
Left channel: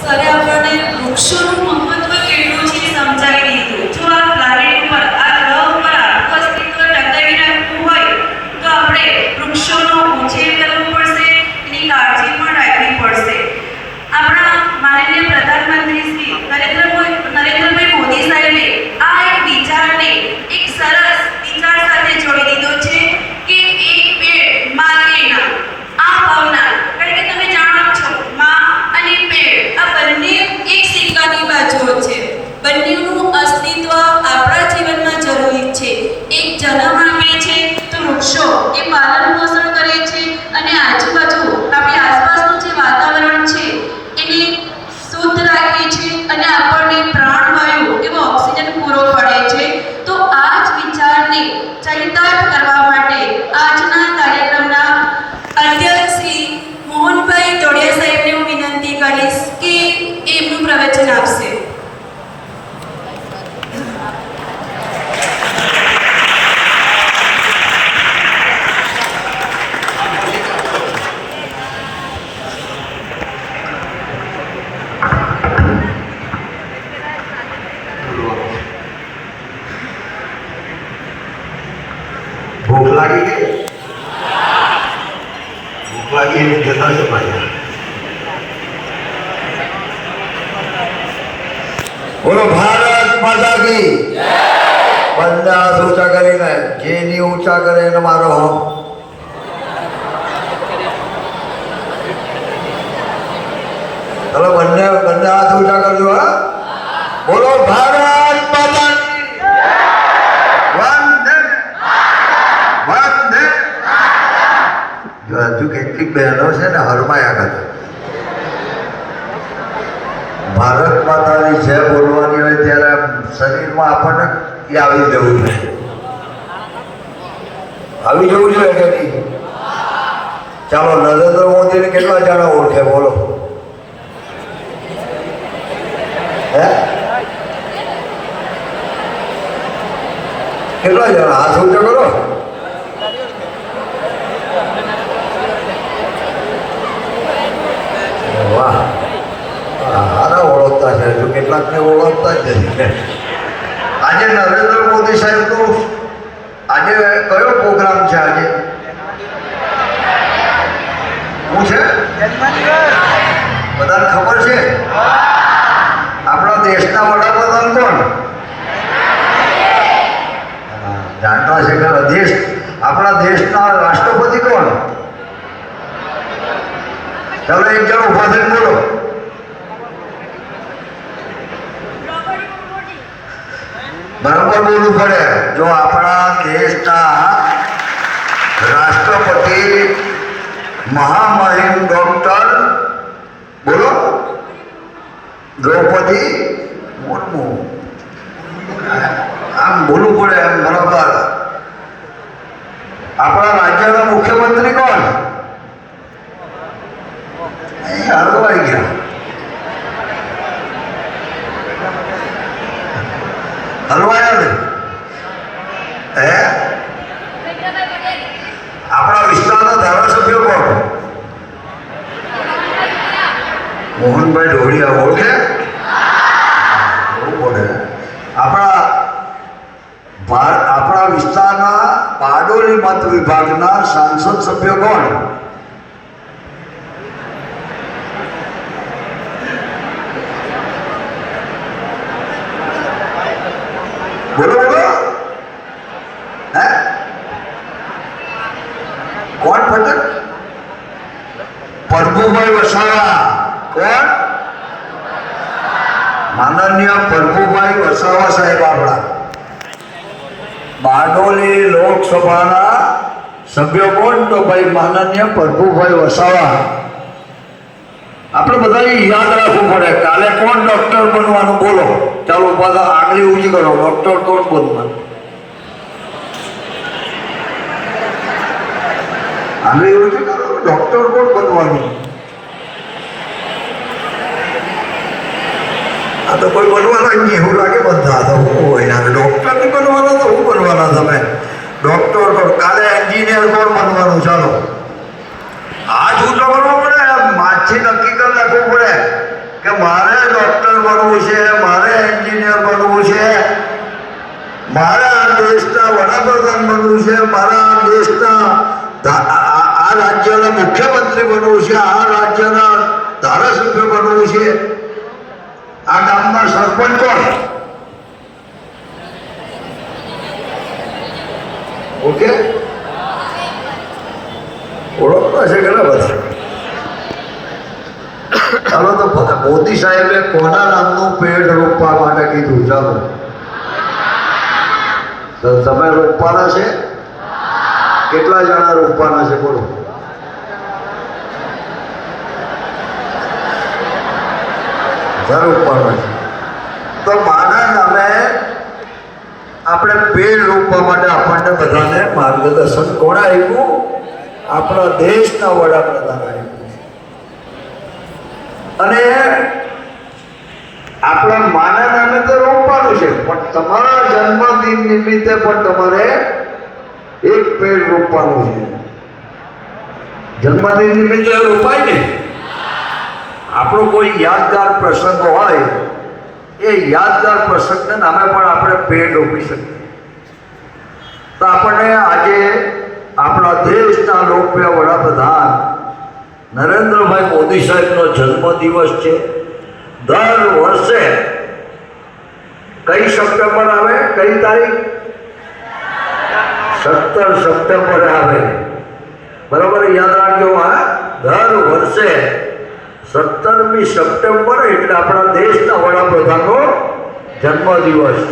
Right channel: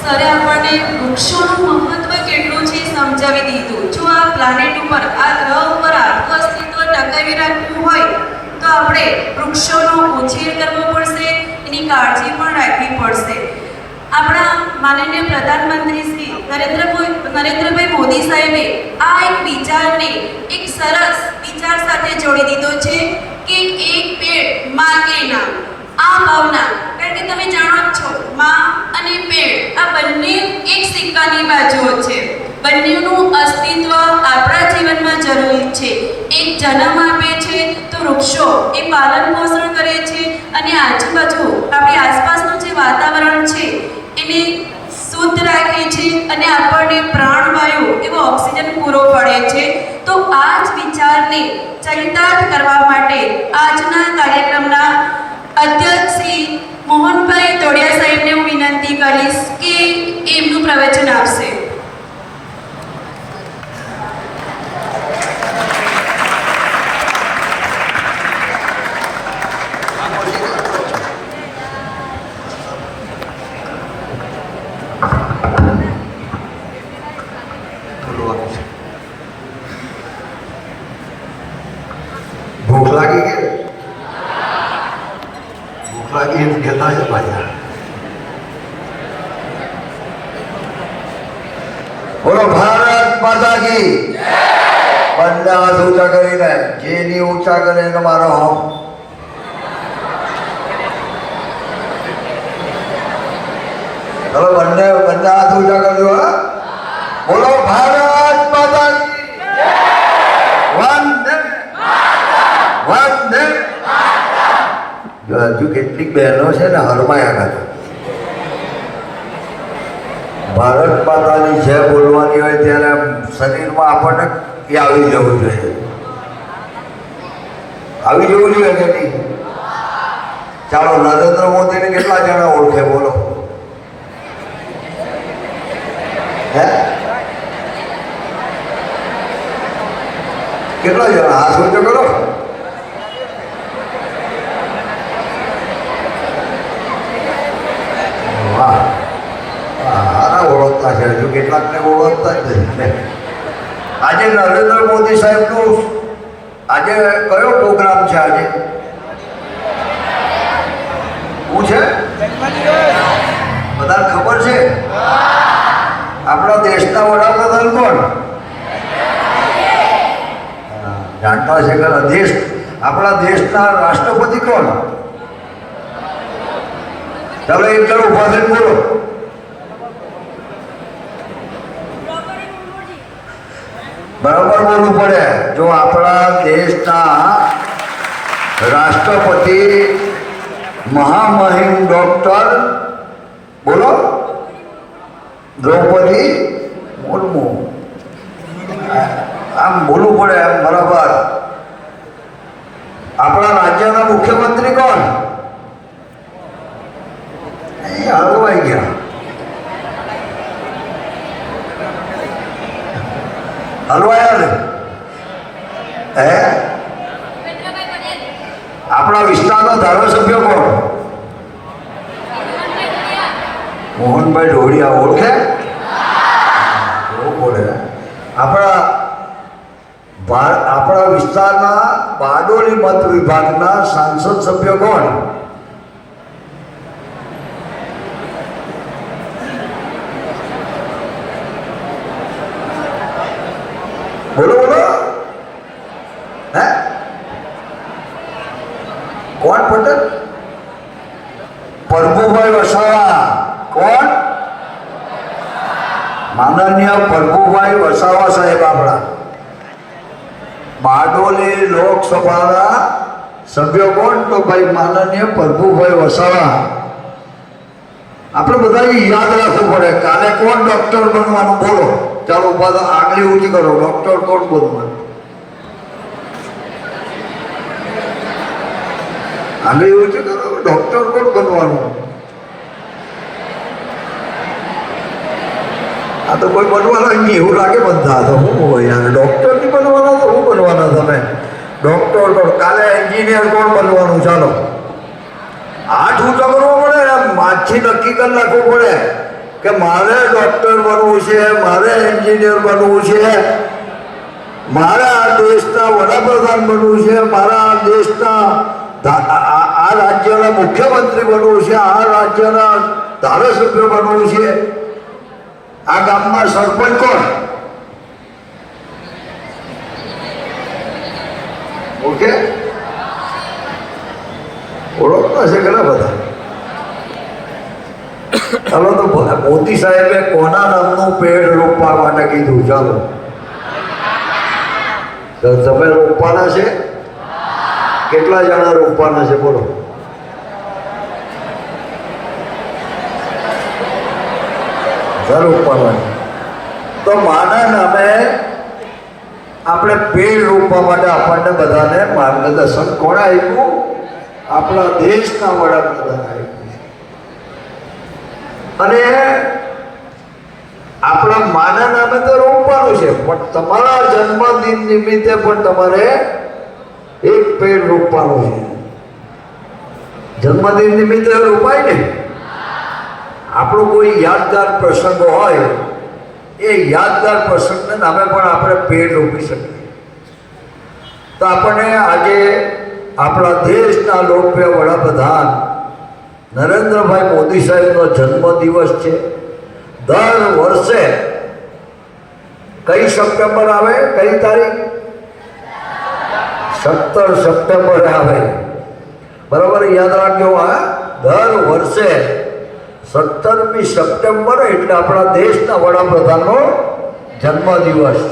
સરે આપણને વૃક્ષોનું મહત્વ કેટલું છે સમજાવી દીધું. જો આ પ્લાનેટ ઉપર, આ ગ્રહ ઉપર આપણું અસ્તિત્વ ટકાવી રાખવું હોય તો આપણે વૃક્ષોનો ઉછેર કરવો પડશે, એની કાળજી પણ રાખવી પડશે. આપણા માનનીય પ્રધાનમંત્રી શ્રી નરેન્દ્રભાઈ મોદી સાહેબે આ એક વિચારને એક સરસ વિચાર સાથે જોડી દીધો છે કે એક પેડ માં કે નામ. આ ભાવના, કારણ કે તમે જાણો જ છો માં અને પેડ આ બંને એક સિક્કાની બાજુઓ છે. બંનેનું અસ્તિત્વ આપણા જીવનમાં જરૂરી છે. એક જન્મ આપે છે તો વૃક્ષો એ પાલન પોષણ કરે છે અને આજુબાજુ આપણી આસપાસનું જે વાતાવરણ છે એને શુદ્ધ રાખે છે અને આપણને પ્રાણવાયુ એવો ઓક્સિજન પૂરો પાડે છે. તો આ જ વિચારને ચરિતાર્થ કરવા માટે આજના કાર્યક્રમના અધ્યક્ષ શ્રી મોહનભાઈ તોડિયા સાહેબને હું વિનંતી કરીશ કે એમનું પ્રવચન આપશે. ભૂખ લાગી ગઈ? ભૂખ લાગી એમ કહેતા છે ભાઈ. બોલો ભારત માતા કી! બંને હાથ ઊંચા કરીને, જે ની ઊંચા કરે એને મારો હમ. ચલો બંને હાથ ઊંચા કરજો. હા, બોલો ભારત માતા કી! વંદે વંદે. જો હજુ કેટલીક બહેનો છે ને હરમાયા કરે. ભારત માતાની જય બોલવાની હોય ત્યારે શરીરમાં આપણને એ આવી જવું જોઈએ. આવી જવું જોઈએ કે નહીં? ચાલો, નરેન્દ્ર મોદીને કેટલા જણા ઓળખે બોલો? હે, કેટલા જણા? હાથ ઊંચો કરો. વાહ, સારા ઓળખતા છે. હજુ કેટલાકને ઓળખતા જ નથી. આજે નરેન્દ્ર મોદી સાહેબનું આજે કયો પ્રોગ્રામ છે? આજે શું છે? બધાને ખબર છે? આપણા દેશના વડાપ્રધાન કોણ? જાણતા છે કે આપણા દેશના રાષ્ટ્રપતિ કોણ? ચાલો એક જણ ઉભા થઈને બોલો. બરાબર બોલવું પડે. જો આપણા દેશના રાષ્ટ્રપતિ મહામહિમ ડોક્ટર બોલો દ્રૌપદી મુર્મુ બોલવું પડે બરાબર. આપણા રાજ્યના મુખ્યમંત્રી કોણ? હલવાઈ ગયા. હલવાયા ને હે? આપણા વિસ્તારના ધારાસભ્ય કોણ? મોહનભાઈ ઢોળિયા. ઓળખે? એવું બોલે. આપણા વિસ્તારના બારડોલી મત વિભાગના સાંસદ સભ્ય કોણ? બોલો બોલો. હે કોણ પટેલ? પ્રભુભાઈ વસાવા. કોણ? માનનીય પ્રભુભાઈ વસાવા સાહેબ આપણા બારડોલી લોકસભાના સભ્ય કોણ? તો ભાઈ માનનીય પ્રભુભાઈ વસાવા. આપણે બધાને યાદ રાખવું પડે. કાલે કોણ ડોક્ટર બનવાનું? બોલો. ચાલો બધા આગળ ઊંચી કરો. ડોક્ટર કોણ બનવાનું? આગળ ઊંચી કરો. ડોક્ટર કોણ બનવાનું? આ તો કોઈ બનવાના નહીં એવું લાગે બધા. તો હું હોય યાર, ડોક્ટર નહીં બનવાના તો હું બનવાના? તમે ડોક્ટર કોણ? કાલે એન્જિનિયર કોણ બનવાનું? ચાલો હાથ ઊંચો કરવો પડે. માથી નક્કી કરી નાખવું પડે કે મારે ડોક્ટર બનવું છે, મારે એન્જિનિયર બનવું છે, મારે આ દેશના વડાપ્રધાન બનવું છે, મારે આ દેશના આ રાજ્યના મુખ્યમંત્રી બનવું છે, આ રાજ્યના ધારાસભ્ય બનવું છે, આ ગામમાં સરપંચ કોણ? ઓકે, ઓળખતા છે ઘણા બધા. ચાલો તો મોદી સાહેબે કોના નામનું પેડ રોપવા માટે કીધું? ચાલો તો તમે રોપવાના છે? કેટલા જણા રોપવાના છે? બોલો. રોપવાના. તો માના નામે આપણે પેડ રોપવા માટે આપણને બધાને માર્ગદર્શન કોણ આપ્યું? આપણા દેશના વડાપ્રધાન આપ્યું છે. અને આપણા માના નામે તો રોપવાનું છે, પણ તમારા જન્મદિન નિમિત્તે પણ તમારે એક પેડ રોપવાનું છે. જન્મદિન નિમિત્તે રોપાય ને. આપણો કોઈ યાદગાર પ્રસંગ હોય, એ યાદગાર પ્રસંગને નામે પણ આપણે પેડ રોપી શકીએ. તો આપણને આજે આપણા દેશના લોકપ્રિય વડાપ્રધાન નરેન્દ્રભાઈ મોદી સાહેબનો જન્મદિવસ છે. દર વર્ષે કઈ સપ્ટેમ્બર આવે? કઈ તારીખ? 17 સપ્ટેમ્બર આવે. બરાબર યાદ રાખજો. આ દર વર્ષે 17મી સપ્ટેમ્બર એટલે આપણા દેશના વડાપ્રધાનનો જન્મદિવસ.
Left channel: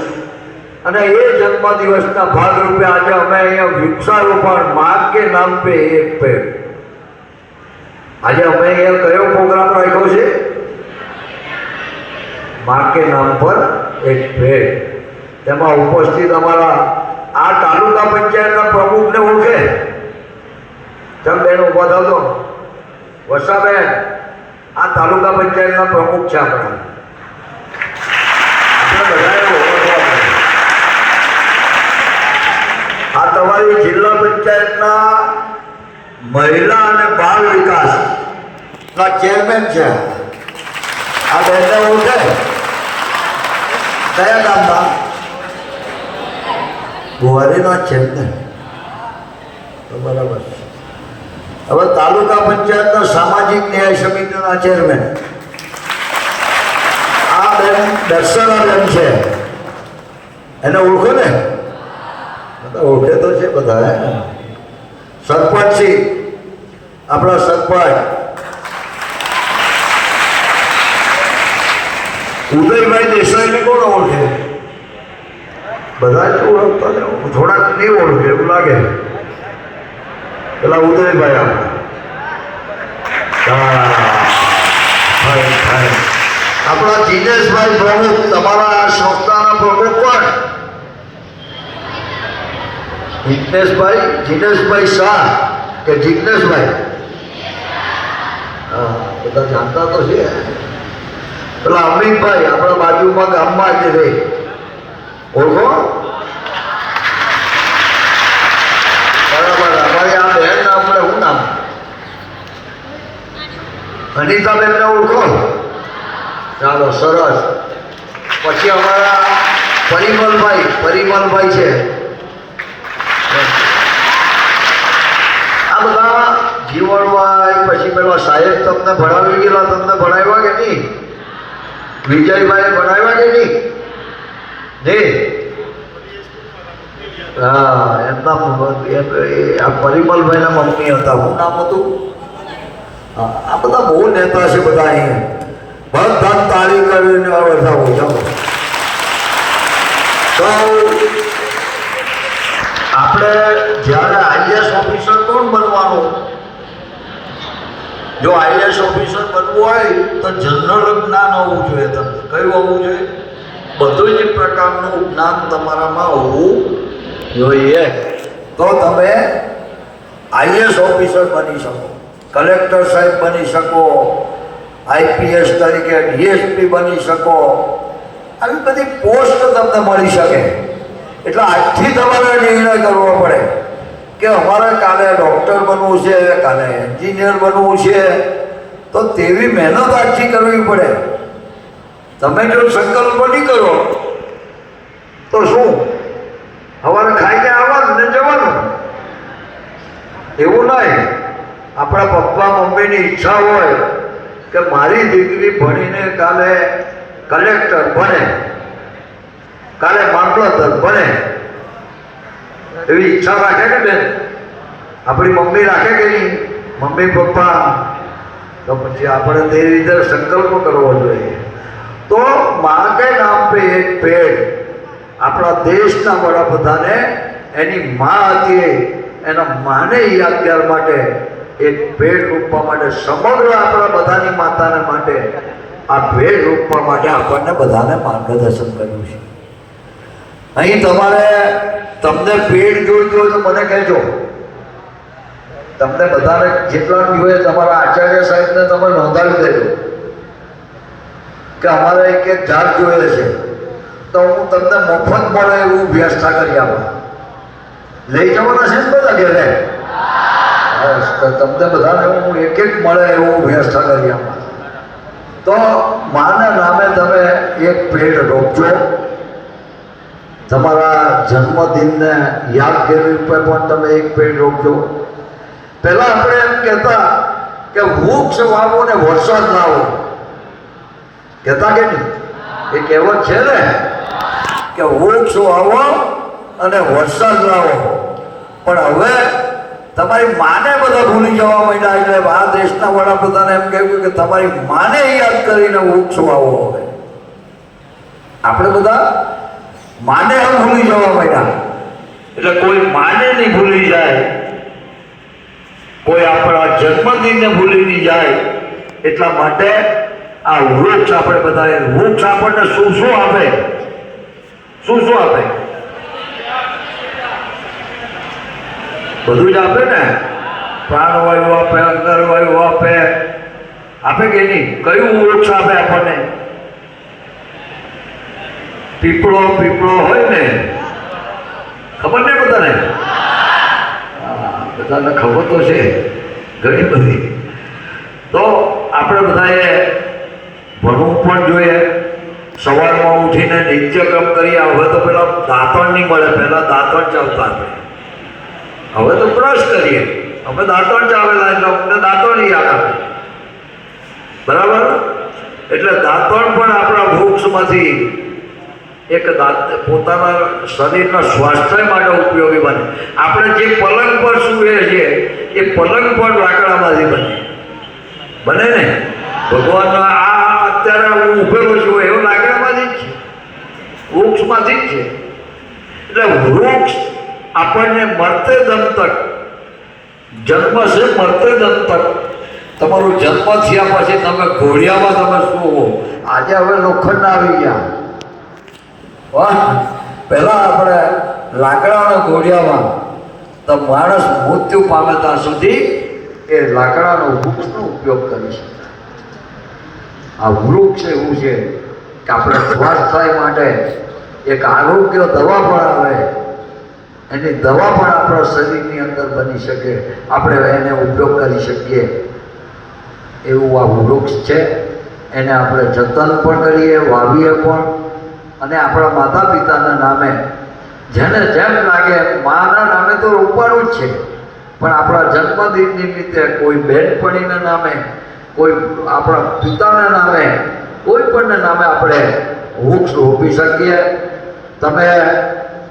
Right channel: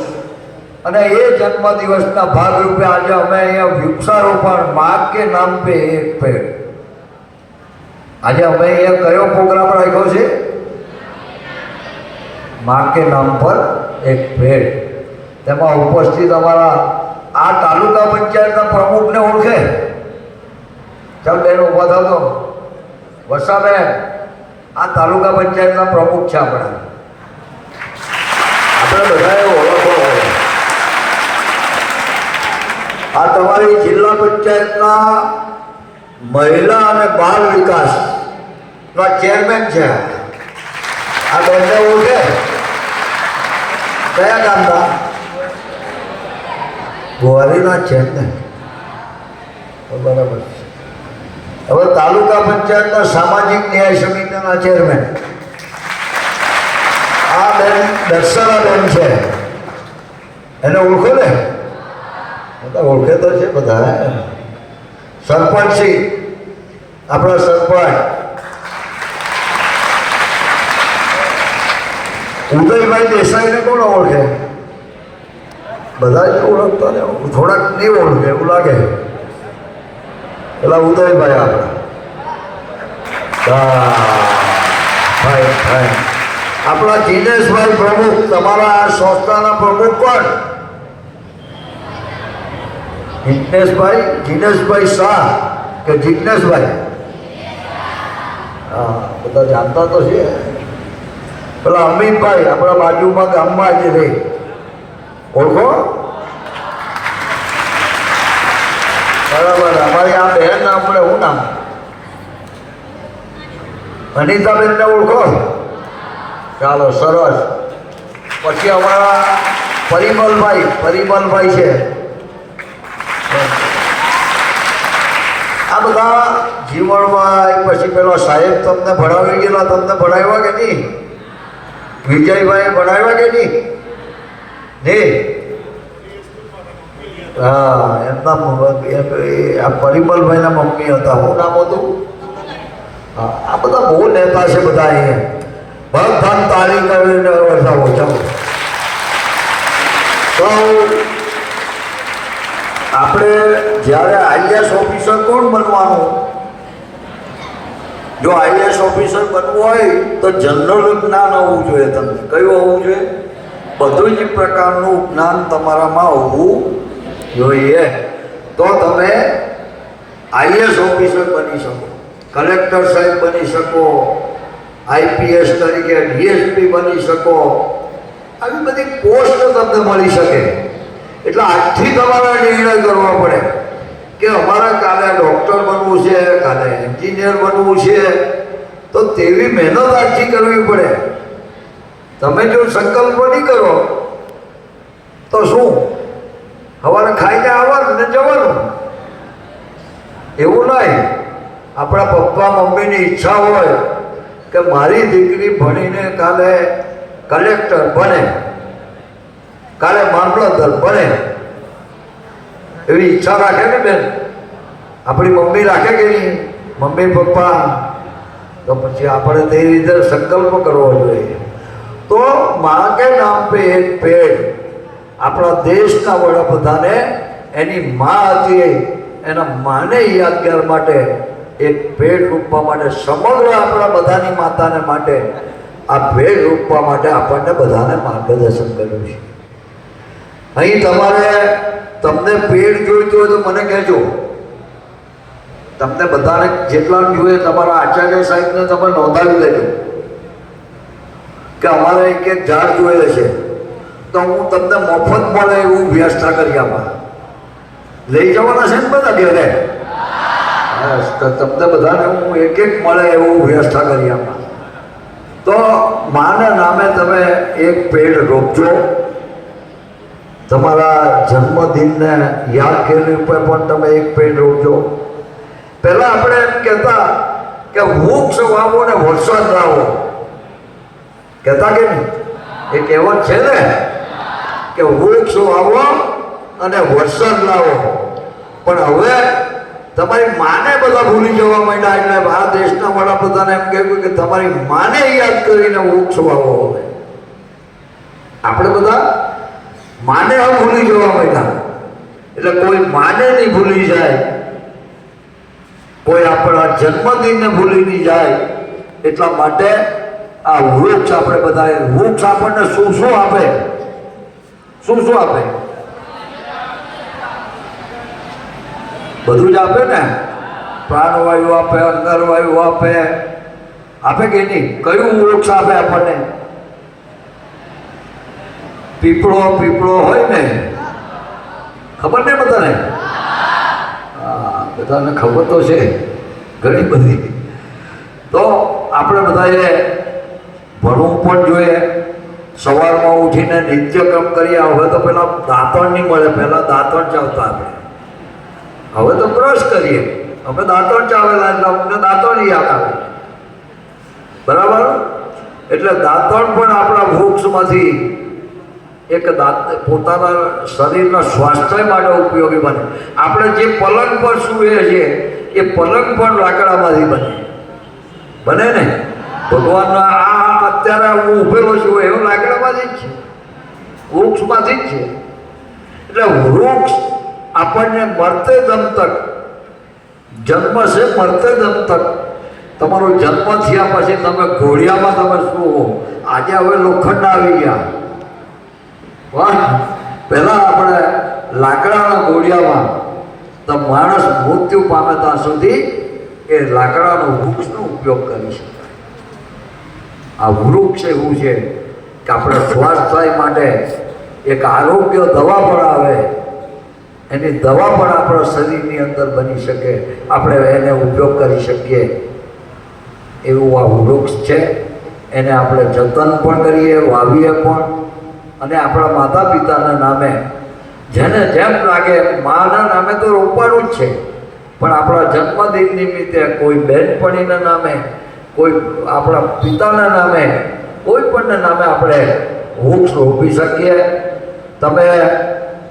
અને એ જન્મદિવસના ભાગરૂપે આજે અમે અહીંયા વૃક્ષારોપણ માँ કે નામ પે એક પેડ. આજે અમે અહીંયા કયો પ્રોગ્રામ રાખ્યો છે? माँ के नाम पर एक पेड़. તેમાં ઉપસ્થિત અમારા આ તાલુકા પંચાયતના પ્રમુખને ઓળખે? ચાલ બેન ઊભા થાવ તો. વર્ષાબેન આ તાલુકા પંચાયતના પ્રમુખ છે આપણા. આપણે બધાને ઓળખવા. આ તમારી જિલ્લા પંચાયતના મહિલા અને બાળ વિકાસના ચેરમેન છે. આ બેનને ઓળખે? કયા ગામના? ગુવારીના છે ને. બરાબર. હવે તાલુકા પંચાયતના સામાજિક ન્યાય સમિતિના ચેરમેન આ બેન દર્શનાબેન છે. એને ઓળખો ને? બધા ઓળખે તો છે બધા. સરપંચશ્રી આપણા સરપંચ ઉદયભાઈ દેસાઈને કોણ ઓળખે? બધા જ ઓળખતા ને. થોડાક નહીં ઓળખે એવું લાગે. પેલા ઉદયભાઈ આપણે આપણા જીનેશભાઈ પ્રમુખ. તમારા આ સંસ્થાના પ્રમુખ કોણ? જીનેશભાઈ શાહ કે જિજ્ઞેશભાઈ? હા, બધા જાણતા તો છે. પેલા અમિતભાઈ આપણા બાજુમાં ગામમાં જ રહે, ઓળખો? બરાબર. અમારી આ બહેન આપણે શું નામ? અનિતાબેનને ઓળખો? ચાલો, સરસ. પછી અમારા પરિમલભાઈ છે. આ બધા જીવનભાઈ, પછી પેલા સાહેબ તમને ભણાવી ગયેલા, તમને ભણાવ્યા કે નહીં? વિજયભાઈ ભણાવ્યા કે નહીં? હા, એમના આ પરિમલભાઈના મમ્મી હતા. શું નામ હતું? હા, આ બધા બહુ નેતા છે બધા અહીંયા. બધા તાળી કરીને બેઠા હોય. ચાલો, તો આપણે જ્યારે આઈએસ ઓફિસર કોણ બનવાનું? જો આઈએસ ઓફિસર બનવું હોય તો જનરલ જ્ઞાન હોવું જોઈએ. તમને કયું હોવું જોઈએ? બધું જ પ્રકારનું જ્ઞાન તમારામાં હોવું જોઈએ. તો તમે આઈએસ ઓફિસર બની શકો, કલેક્ટર સાહેબ બની શકો, આઈપીએસ તરીકે ડીએસપી બની શકો. આવી બધી પોસ્ટ તમને મળી શકે. એટલે આજથી તમારે નિર્ણય કરવો પડે કે અમારે કાલે ડૉક્ટર બનવું છે, કાલે એન્જિનિયર બનવું છે. તો તેવી મહેનત આજથી કરવી પડે. તમે જો સંકલ્પ નહીં કરો તો શું? સવારે ખાઈને આવવાનું ને જવાનું. એવું નહીં. આપણા પપ્પા મમ્મીની ઈચ્છા હોય કે મારી દીકરી ભણીને કાલે કલેક્ટર બને, કાલે મામલતદાર બને, એવી ઈચ્છા રાખે ને બેન? આપણી મમ્મી રાખે કે નહીં? Mummy papa. તો પછી આપણે તે રીતે સંકલ્પ કરવો જોઈએ. તો મા કે નામ પે એક પેડ, આપણા દેશના વડાપ્રધાને એની મા હતી, એના માને યાદગાર માટે એક ભેટ રૂપવા માટે, સમગ્ર આપણા બધાની માતાને માટે આ ભેટ રૂપવા માટે આપણને બધાને માર્ગદર્શન કર્યું છે. અહીં તમને ભેટ જોઈતું હોય તો મને કહેજો. તમને બધાને જેટલા જોઈએ તમારા આચાર્ય સાહેબને તમે નોંધાવી દેજો કે અમારે એક ઝાડ જોઈએ છે, તો હું તમને મફત મળે એવું વ્યવસ્થા કરી આપું. લઈ જવાના છે ને બધા ઘેરે? તો તમને બધાને હું એક મળે એવું વ્યવસ્થા કરી આપું. તો માના નામે તમે એક પેડ રોપજો. તમારા જન્મદિનને યાદ કરી ઉપર પણ તમે એક પેડ રોપજો. પહેલાં આપણે એમ કહેતા કે વૃક્ષ વાવો ને વરસાદ લાવો, કહેતા કે નહીં? એ કહેવત છે ને કે વૃક્ષ વાવો અને વરસાદ લાવો. પણ હવે તમારી માને બધા ભૂલી જવા માંડ્યા. એટલે આ દેશના વડાપ્રધાને એમ કહ્યું કે તમારી માને યાદ કરીને વૃક્ષ વાવો. હવે આપણે બધા માને આમ ભૂલી જવા માંડ્યા. એટલે કોઈ માને નહીં ભૂલી જાય, કોઈ આપણા જન્મદિનને ભૂલી નહીં જાય. એટલા માટે આ વૃક્ષ આપણે બધા, વૃક્ષ આપણને શું શું આપે? શું શું આપે? બધું જ આપે ને. પ્રાણવાયુ આપે, અંગરવાયુ આપે, આપે કે નહીં? કયું વૃક્ષ આપે આપણને? પીપળો હોય ને, ખબર ને બધાને? હા, બધાને ખબર તો છે ઘણી બધી. તો આપણે બધાએ ભણવું પણ જોઈએ. સવારમાં ઉઠીને નિત્યક્રમ કરીએ. હવે તો પેલા દાંતણ નહીં મળે, પહેલાં દાંતણ ચાવતા આપણે. હવે તો બ્રશ કરીએ. હવે દાંતણ ચાવેલા એટલે અમને દાંતણ યાદ આવે. બરાબર? એટલે દાંતણ પણ આપણા વૃક્ષમાંથી એક પોતાના શરીરના સ્વાસ્થ્ય માટે ઉપયોગી બને. આપણે જે પલંગ પર સૂઈએ છીએ એ પલંગ પણ લાકડામાંથી બને ને? ભગવાનના આ અત્યારે હું ઊભેલો છું એવું લાકડામાંથી જ છે, વૃક્ષમાંથી જ છે. એટલે વૃક્ષ આપણને મરતે દમ તક, જન્મ છે મરતે દમ તક. તમારો જન્મ થયા પછી તમે ઘોડિયામાં તમે શું? આજે હવે લોખંડ આવી ગયા. વાહ, પહેલાં આપણે લાકડાના ઘોડિયામાં તો માણસ મૃત્યુ પામે ત્યાં સુધી એ લાકડાનો વૃક્ષનો ઉપયોગ કરી શકાય. આ વૃક્ષ એવું છે કે આપણે સ્વાસ્થ્ય માટે એક આરોગ્ય દવા પણ આવે, એની દવા પણ આપણા શરીરની અંદર બની શકે, આપણે એને ઉપયોગ કરી શકીએ એવું આ વૃક્ષ છે. એને આપણે જતન પણ કરીએ, વાવીએ પણ, અને આપણા માતા પિતાના નામે જેને જેમ લાગે માના નામે તો રોપવાનું જ છે, પણ આપણા જન્મદિન નિમિત્તે કોઈ બહેનપણીના નામે, કોઈ આપણા પિતાના નામે, કોઈ પણના નામે આપણે વૃક્ષ રોપી શકીએ. તમે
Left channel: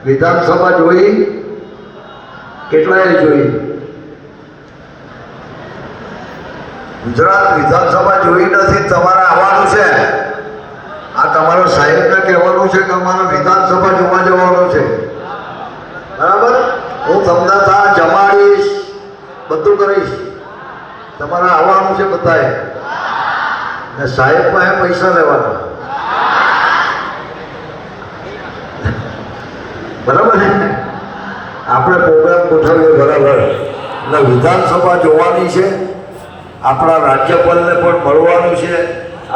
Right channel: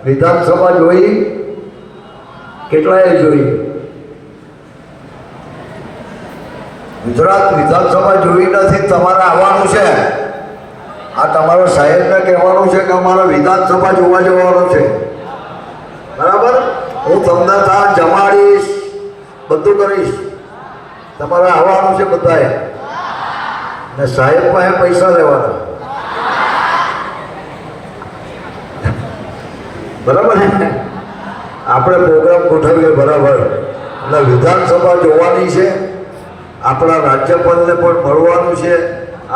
વિધાનસભા જોઈ? કેટલાએ જોઈ? ગુજરાત વિધાનસભા જોઈ નથી, તમારે આવવાનું છે. આ તમારા સાહેબને કહેવાનું છે કે અમારે વિધાનસભા જોવા જવાનું છે, બરાબર? હું તમને ત્યાં જમાડીશ, બધું કરીશ. તમારે આવવાનું છે બધાએ, ને સાહેબ પાસે પૈસા લેવાના, બરાબર છે? આપણે પ્રોગ્રામ ગોઠવીએ, બરાબર? એટલે વિધાનસભા જોવાની છે, આપણા રાજ્યપાલને પણ મળવાનું છે,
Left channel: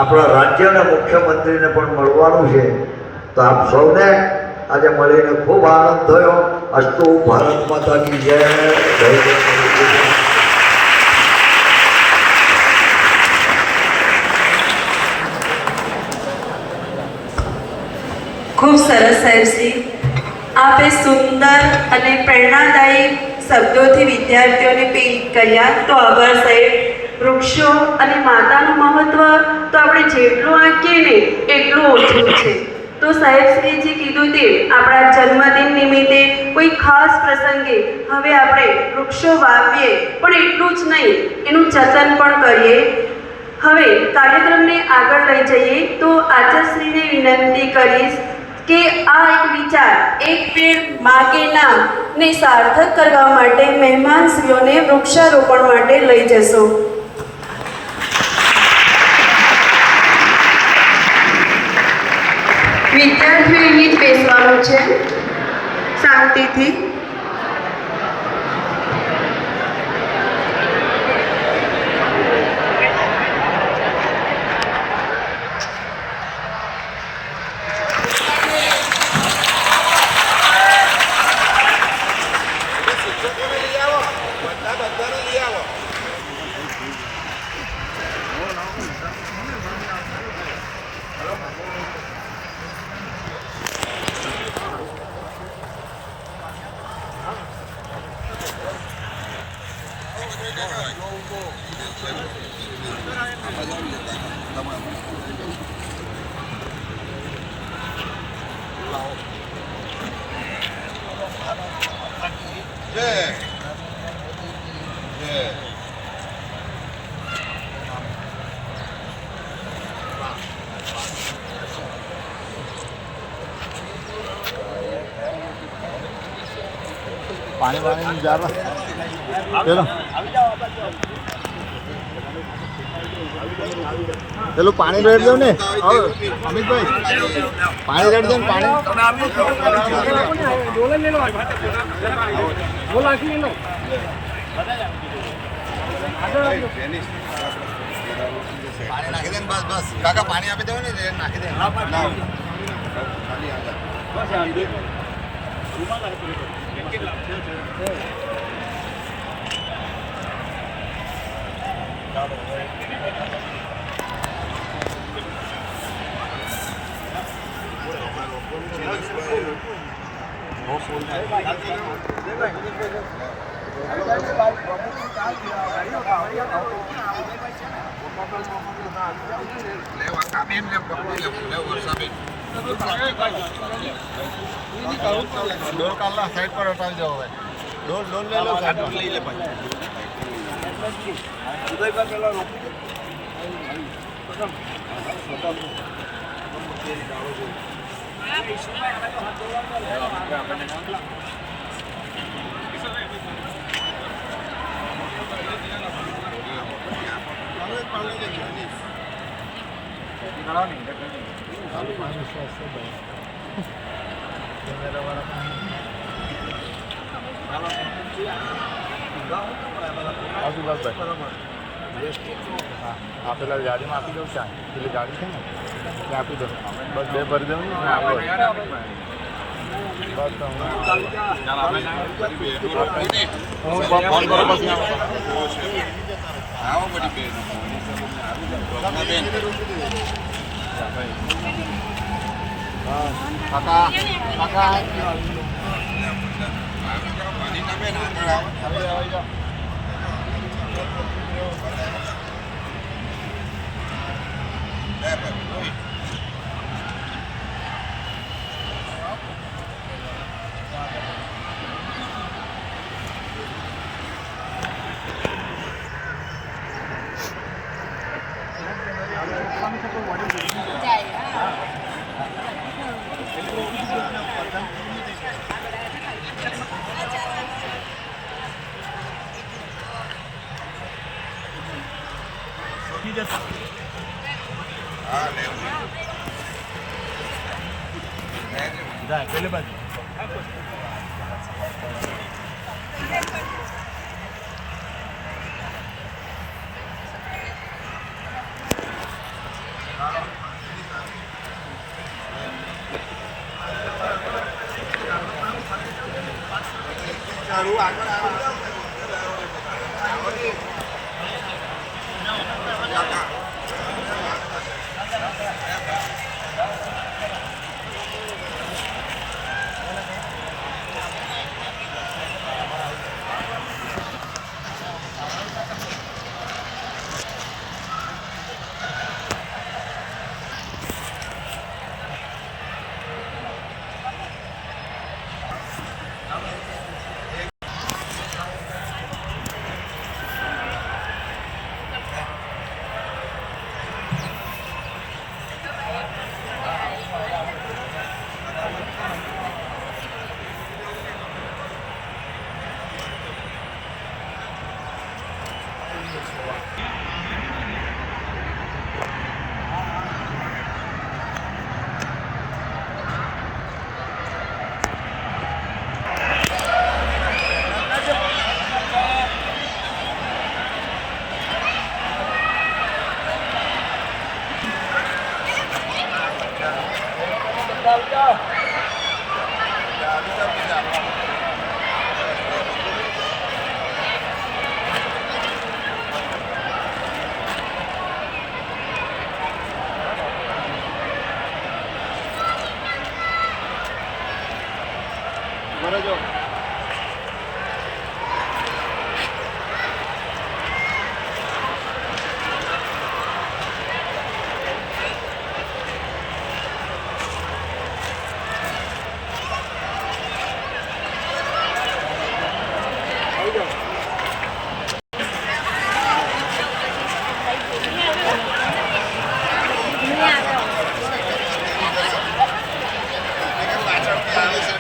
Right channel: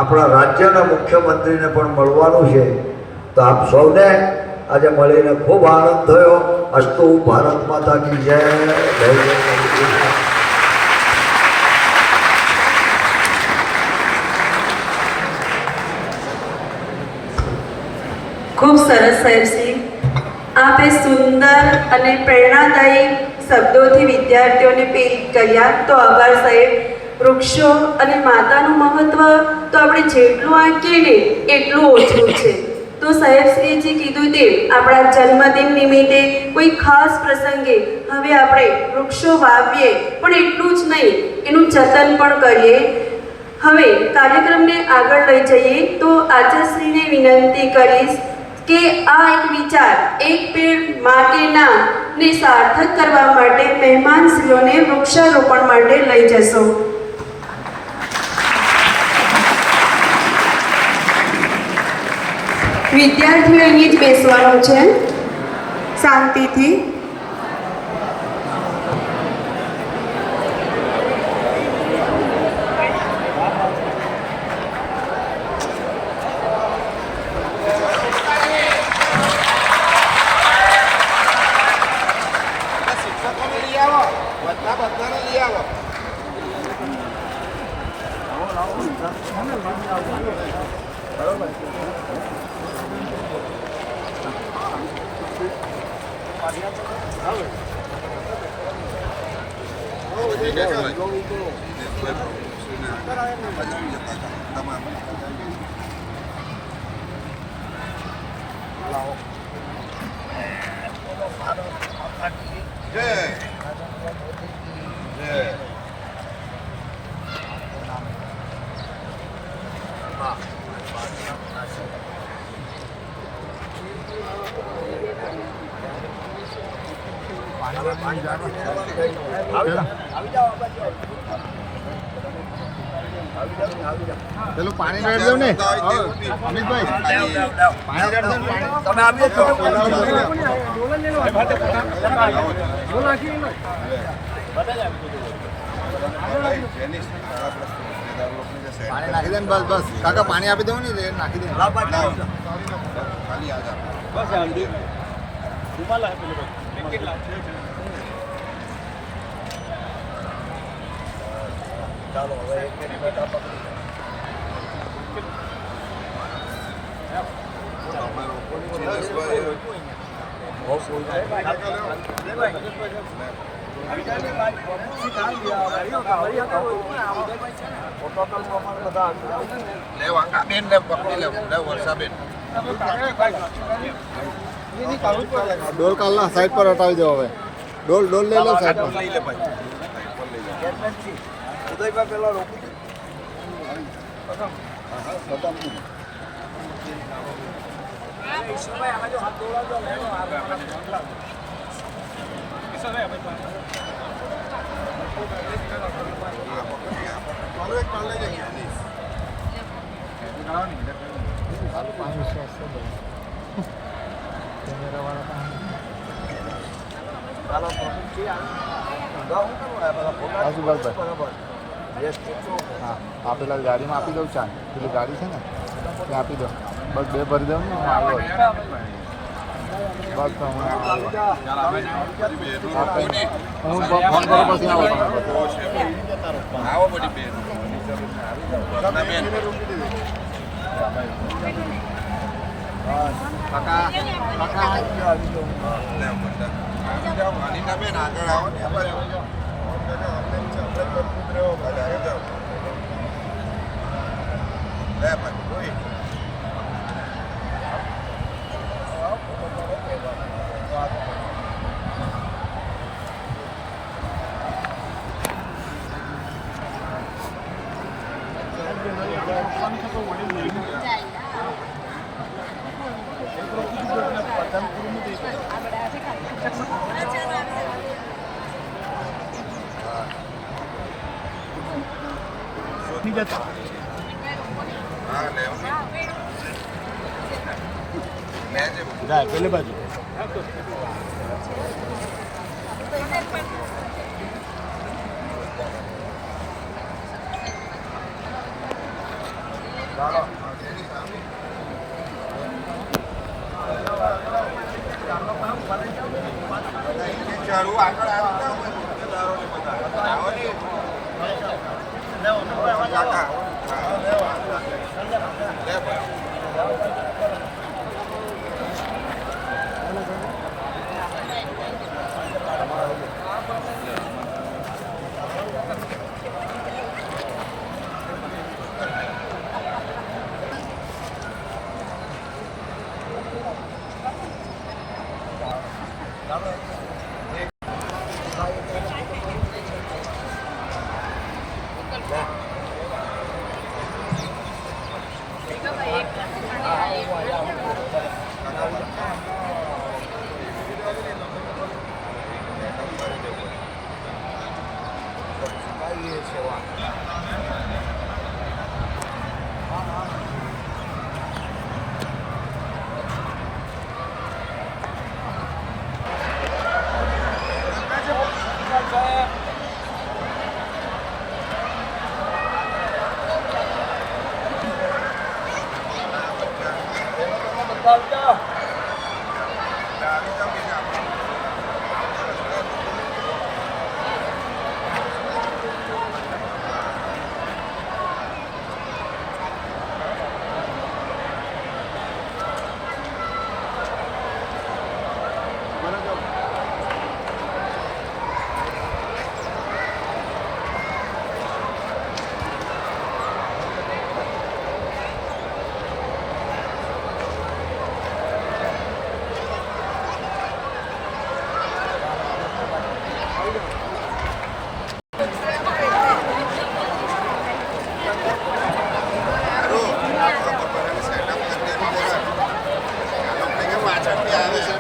આપણા રાજ્યના મુખ્યમંત્રીને પણ મળવાનું છે. તો આપ સૌને આજે મળીને ખૂબ આનંદ થયો. અસ્તુ ભારત માતા કી જય. જય જય. ખૂબ સરસ સાહેબશ્રી, આપે સુંદર અને પ્રેરણાદાયી શબ્દોથી વિદ્યાર્થીઓને પ્રેરિત કર્યા. તો આભાર સાહેબ. વૃક્ષો અને માતાનું મહત્વ તો આપણે જેટલું આંકીએ ને એટલું ઓછું છે. તો સાહેબશ્રીએ જે કીધું તે આપણા જન્મદિન નિમિત્તે કોઈ ખાસ પ્રસંગે હવે આપણે વૃક્ષો વાવીએ, પણ એટલું જ નહીં, એનું જતન પણ કરીએ. હવે કાર્યક્રમને આગળ લઈ જઈએ તો આચાર્યશ્રીને વિનંતી કરીશ કે આ એક વિચાર, એક પેડ માં કે નામ ને સાર્થક કરવા માટે મહેમાનશ્રીઓને વૃક્ષારોપણ માટે લઈ જશો. વિદ્યાર્થીઓ અહીં જ બેસવાનું છે, શાંતિથી. શિક્ષકોને લઈ આવો, બધાને લઈ આવો. બરોબર. પેલું પાણી રેડ દો ને અમિતભાઈ, પાણી રેડ દો ને. પાણી નાખી દે ને, બસ બસ કાકા પાણી આપી દઉં ને, નાખી દે. ખાલી ચાલો હવે ડોલ કાલના સાઈડ પર હટાવી દો. હવે ડોલ ડોલ લઈ લો, સાઈડ લઈ લે ભાઈ. ઉદયભાઈ પેલા રોકી દે. પેલા ગાડીમાં આપી દઉં છું પેલી ગાડી છે ને ત્યાં આપી દઉં બસ બે ભરી દઉં ને આપણે આવો બધી બેન આવી જાઓ અનિતા બેન આગળ આવો ને આવી જાઓ લે ભાઈ કોઈ હા લેવું લેજે ભાઈ પેલી બાજુ ચાલુ આગળ આવો પાછળથી આવે છે